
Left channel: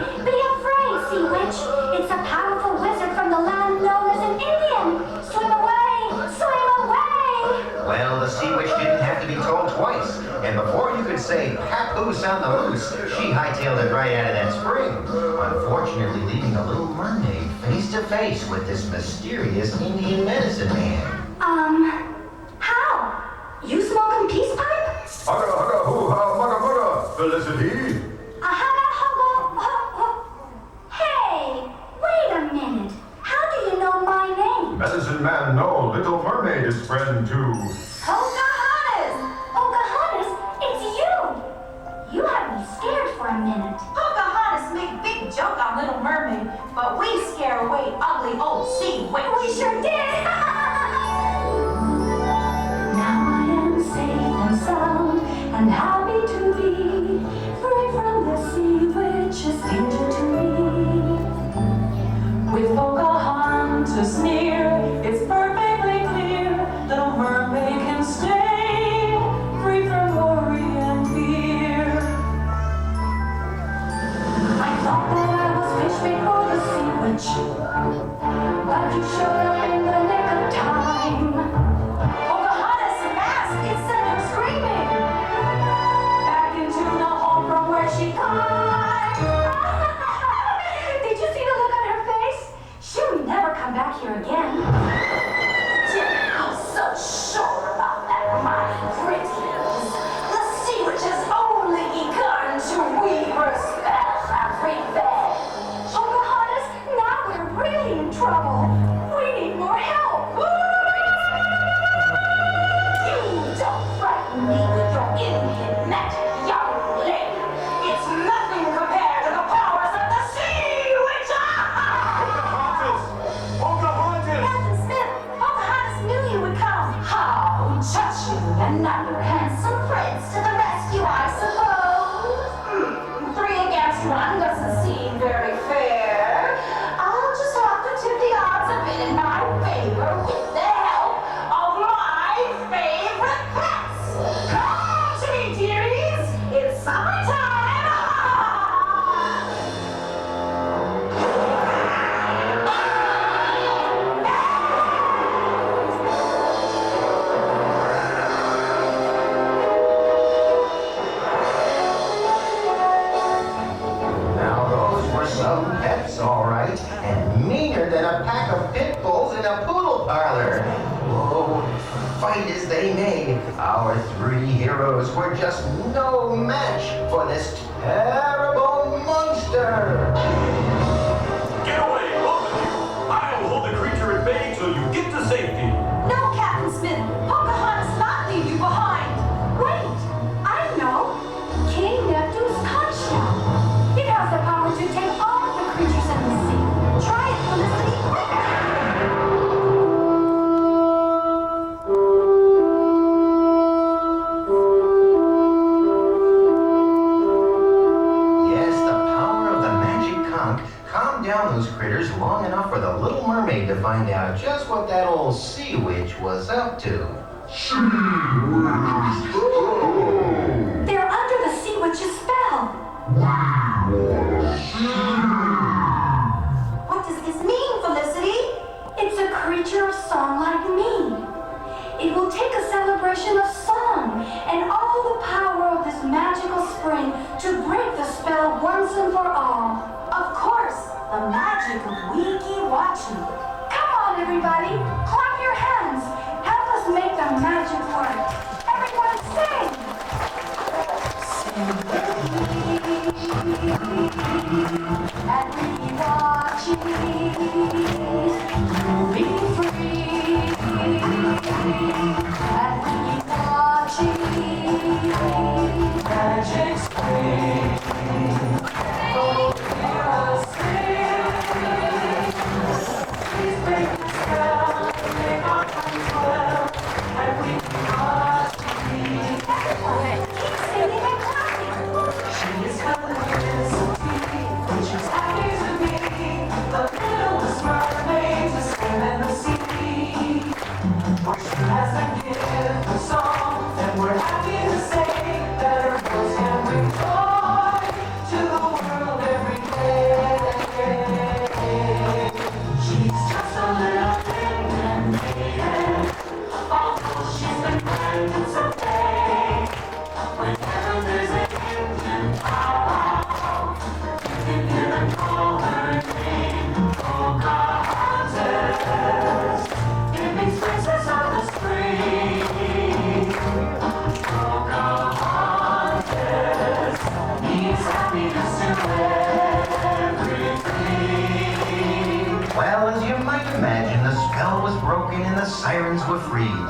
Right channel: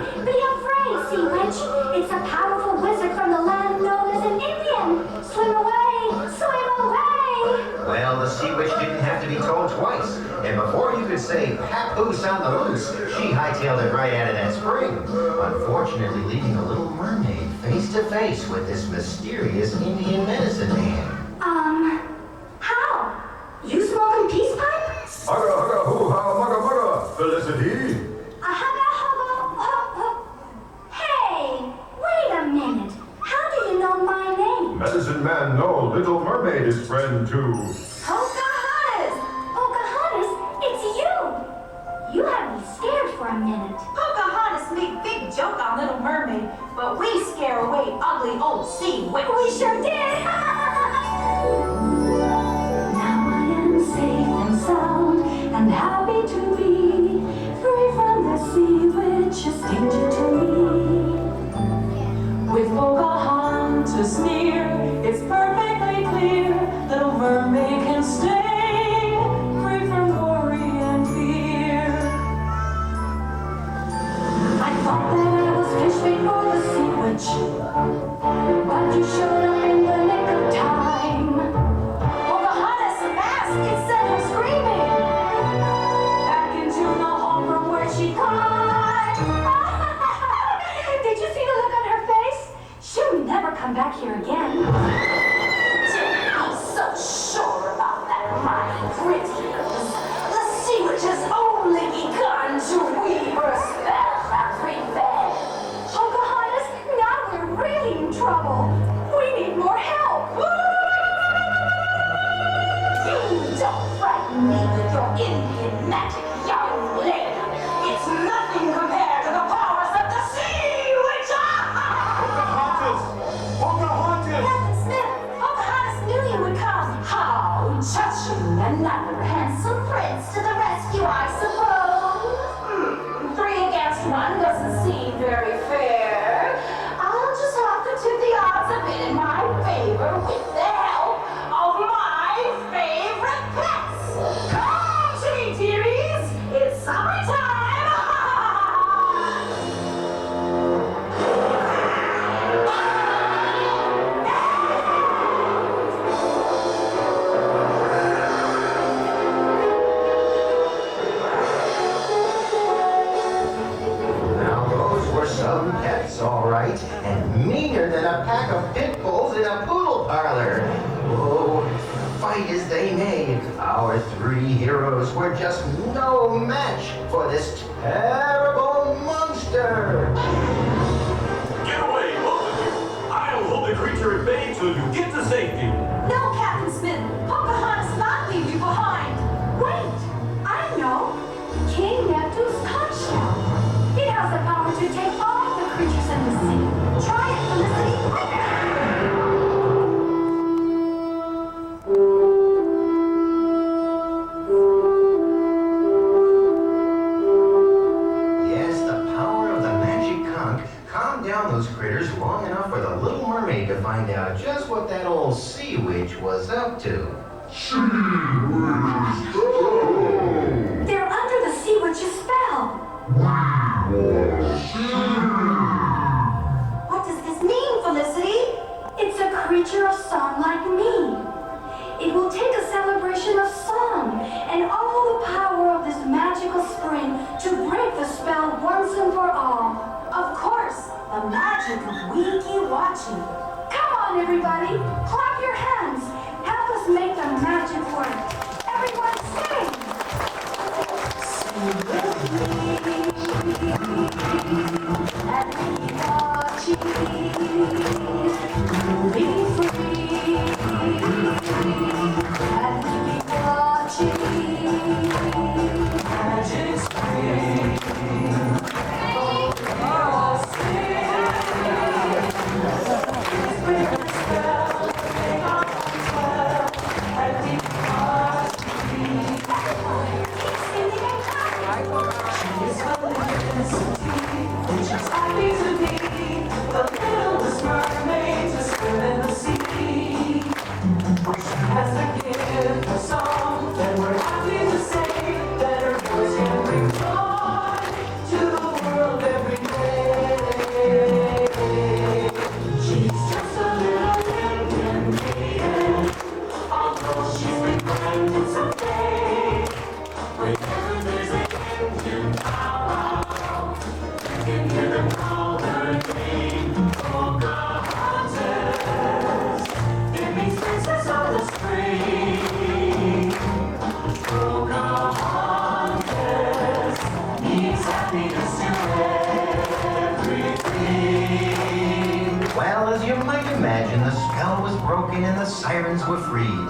sea witch. It's a powerful wizard from the land known as an Indian. Swim away, swim away. Well, the sea witch didn't have to be told twice. And before you could say papoose on the loose, she hightailed it right out of that spring. Unfortunately, leaving a little mermaid face to face with this mysterious Indian medicine man. How? You smoking peace pipe? Hugga, hugga, hoo-ha, mugga, mugga, Felicity. Hey, wait a minute. How do you know my name? Medicine man, no, Little Mermaid is friend too. Pocahontas! Pocahontas, it's you! You had me scared for a minute. Pocahontas made big joke on Little Mermaid, but we scare away ugly old sea witch. We sure did! Now I am safe and sound and happy to be free from the sea which is danger to me. With Pocahontas near, it's perfectly clear Little Mermaid can stay free from worry and fear. I thought that I was witch. But you showed up in the nick of time. Pocahontas' mask, it sent her screaming back into the hole from where she climbed. Did you see the look on her face? She'll never come back here again. I'm so sure about that, my prettiers. The sea witch has only begun to weave her spell of revenge. Pocahontas, now we're really in trouble. We need more help. You don't frighten me with your enigmatic young lady. It's nothing compared to the powers of the sea witch. Captain Smith, Pocahontas knew you would come. How touching! Another handsome prince to the rescue, I suppose. 3 against 1 doesn't seem very fair. I'll just have to tip the odds a bit in my favor with the help of my favorite pets. Come to me, dearies. It's summertime. Now those were some pets, all right, and meaner than a pack of pit bulls in a poodle parlor. Oh, fight as they may, our 3 heroes were just no match for this terrible monster. Get away, both of you! I'll hold the creature at bay till you get to safety. No, Captain Smith, Pocahontas not leave you behind. Wait, I know. King Nephew's conch shell. It has the power to take all the creatures in the sea. Try it, Felicity. Yes, the power of the magic conch calmed down those critters long enough for the Little Mermaid to find out just what that old sea witch was up to. They're under the sea witch's spell. What does this mean, Felicity? It's a creature of song like me. It will take a celebration of song and all the power of this magical spring to break the spell once and for all. Of course, the magic of Weeki Wachee. Come on, everybody, clap your hands. Help us make the magic work. Everyone sing. Sing with me. And Weeki Wachee. Be free. And Weeki Wachee. Magic spring. Oh, hear us sing. Please break the spell. Make our hearts well. And Weeki Wachee. Keep singing and clapping. She is Felicity. She's happy to be the littlest mermaid to swim in the sea. She has the gift of song, and we're happy to say that her voice can bring joy to the world every day. She's just a little Indian maiden, although she's been grand someday. Whenever there's an Indian powwow, you can hear them call her name, Pocahontas. It means princess of the spring. Pocahontas means happiness to everything. Well, as you might imagine, the spell was broken and the sirens were freed.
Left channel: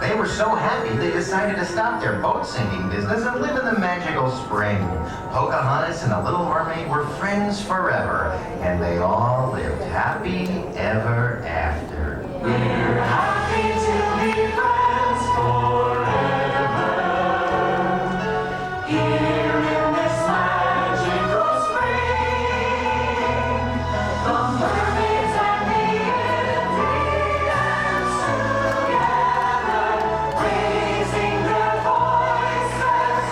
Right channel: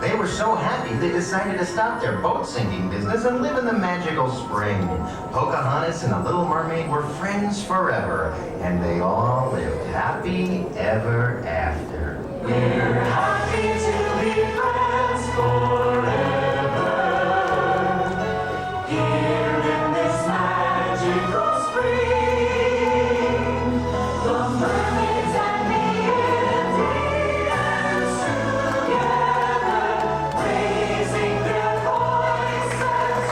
They were so happy they decided to stop their boat singing business and live in the magical spring. Pocahontas and the Little Mermaid were friends forever, and they all lived happy ever after. We're happy to be friends forever. Here in this magical spring, the mermaids and the Indians together, raising their voices.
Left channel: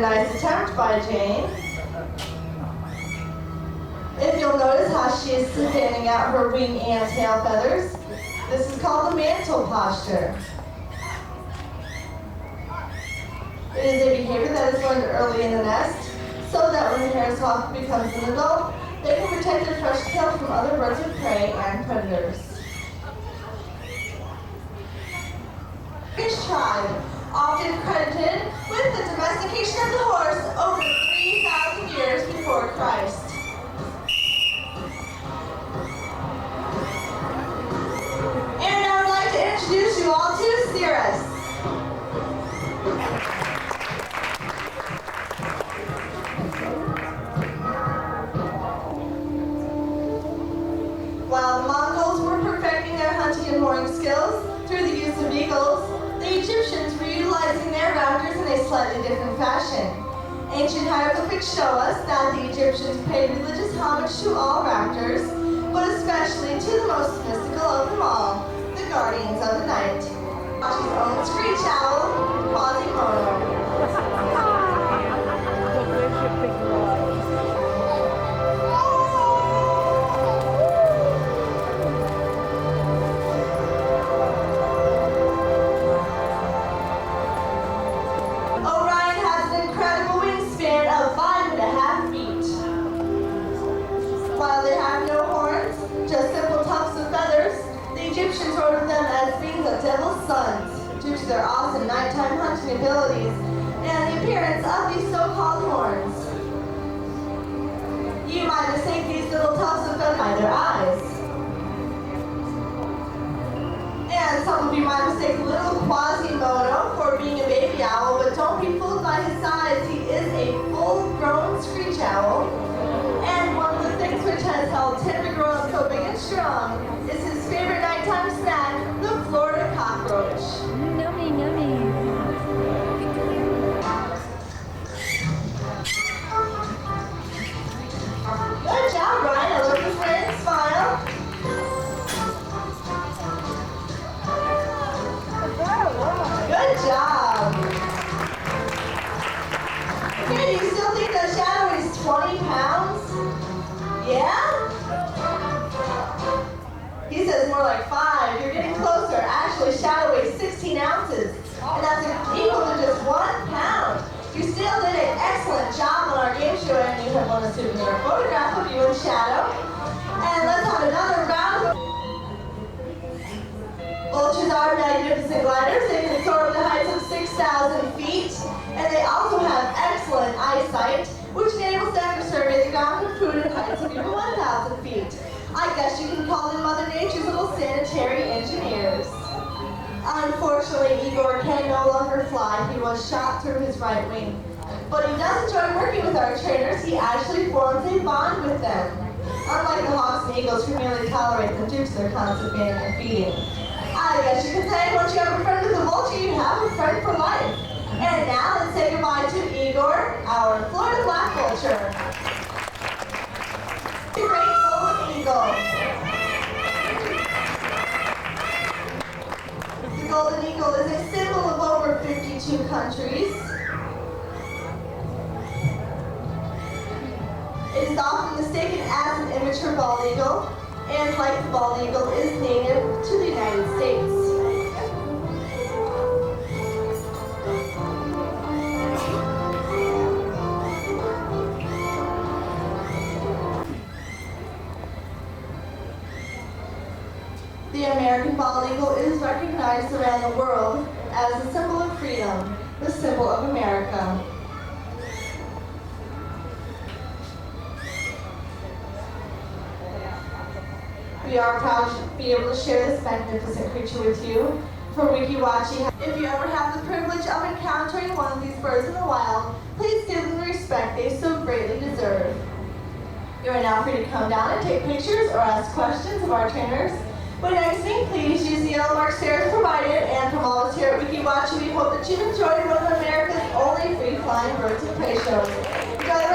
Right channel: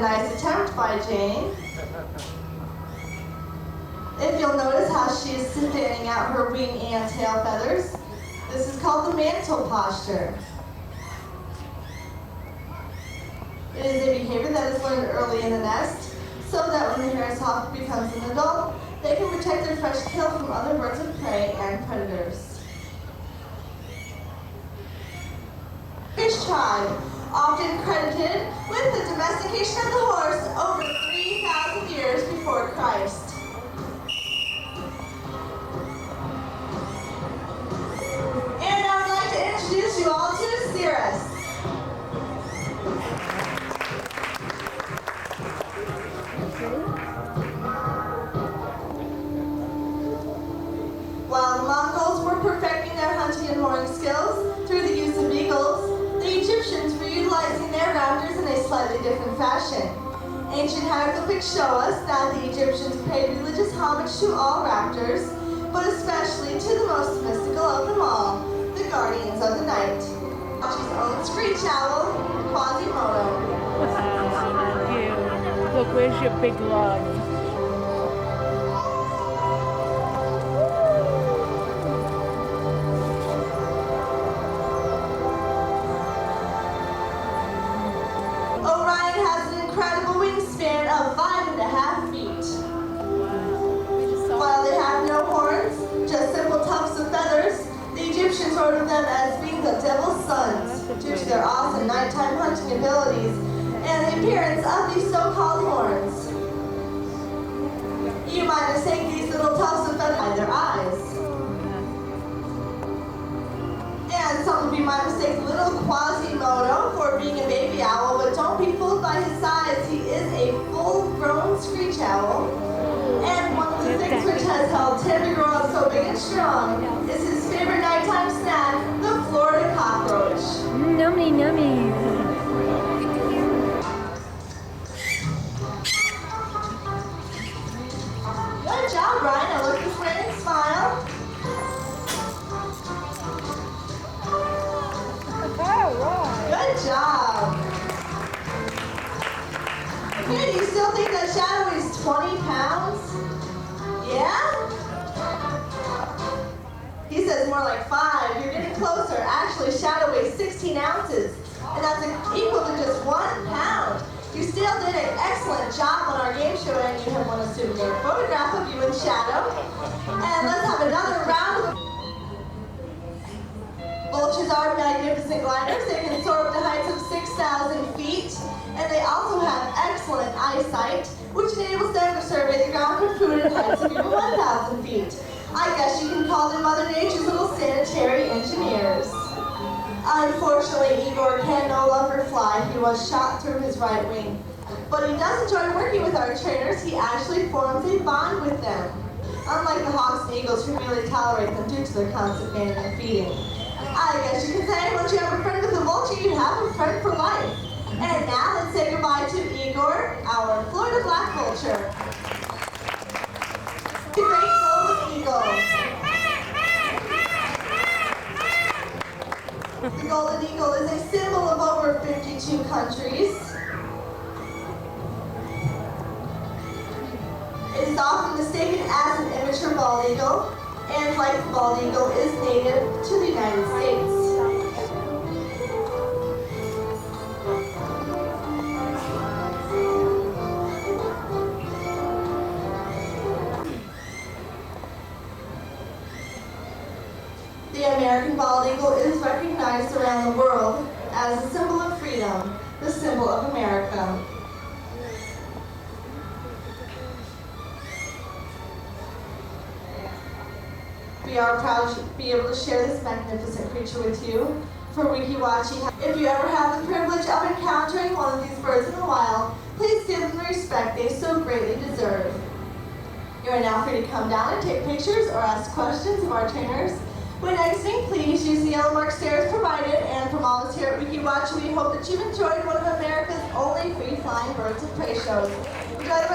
a nice attempt by Jane. If you'll notice how she is fanning out her wing and tail feathers, this is called the mantle posture. It is a behavior that is learned early in the nest, so that when the Jerre hawk becomes an adult, they can protect their fresh tail from other birds of prey and predators. Fish tribe, often credited with the domestication of the horse over 3,000 years before Christ. And I would like to introduce you all to Cirrus. While the Mongols were perfecting their hunting and horning skills through the use of eagles, the Egyptians were utilizing their raptors in a slightly different fashion. Ancient hieroglyphics show us that the Egyptians paid religious homage to all raptors, but especially to the most mystical of them all, the guardians of the night. Wachee's own screech owl, Quasimodo. Look, where's your big love? Orion has an incredible wingspan of 5.5 feet. While they have no horns, just simple tufts of feathers, the Egyptians ordered them as being the devil's sons due to their awesome nighttime hunting abilities and the appearance of these so-called horns. You might mistake these little tufts of feathers by their eyes. And some of you might mistake little Quasimodo for being a baby owl, but don't be fooled by his size. He is a full-grown screech owl. And one of the things which has helped him to grow up so big and strong is his favorite nighttime snack, the Florida cockroach. Yummy, yummy. Good job, Ryan. I look this way and smile. Good job. Okay, do you still think that Shadow is 20 pounds? Yeah? He says more like 5. You're getting closer. Actually, Shadow weighs 16 ounces, and that's equal to just 1 pound. You still did an excellent job on our game show, and you have won a souvenir photograph of you and Shadow. And let's have another round of Vultures are magnificent gliders. They can soar up to heights of 6,000 feet, and they also have excellent eyesight, which enables them to survey the ground for food at heights of even 1,000 feet. I guess you can call them Mother Nature's little sanitary engineers. Unfortunately, Igor can no longer fly. He was shot through his right wing. But he does enjoy working with our trainers. He actually forms a bond with them, unlike the hawks and eagles who merely tolerate them due to their constant banning and feeding. I guess you could say once you have a friend with a vulture, you have a friend for life. And now let's say goodbye to Igor, our Florida black vulture. The great golden eagle. The golden eagle is a symbol of over 52 countries. It is often mistaken as an immature bald eagle, and like the bald eagle, is native to the United States. The American bald eagle is recognized around the world as a symbol of freedom, the symbol of America. We are proud to be able to share this magnificent creature with you. For Weeki Wachee, if you ever have the privilege of encountering one of these birds in the wild, please give them the respect they so greatly deserve. You are now free to come down and take pictures or ask questions of our trainers. When exiting, please use the yellow mark stairs provided, and from all of us here at Weeki Wachee, we hope that you've enjoyed one of America's only free-flying birds of prey shows. Enjoy the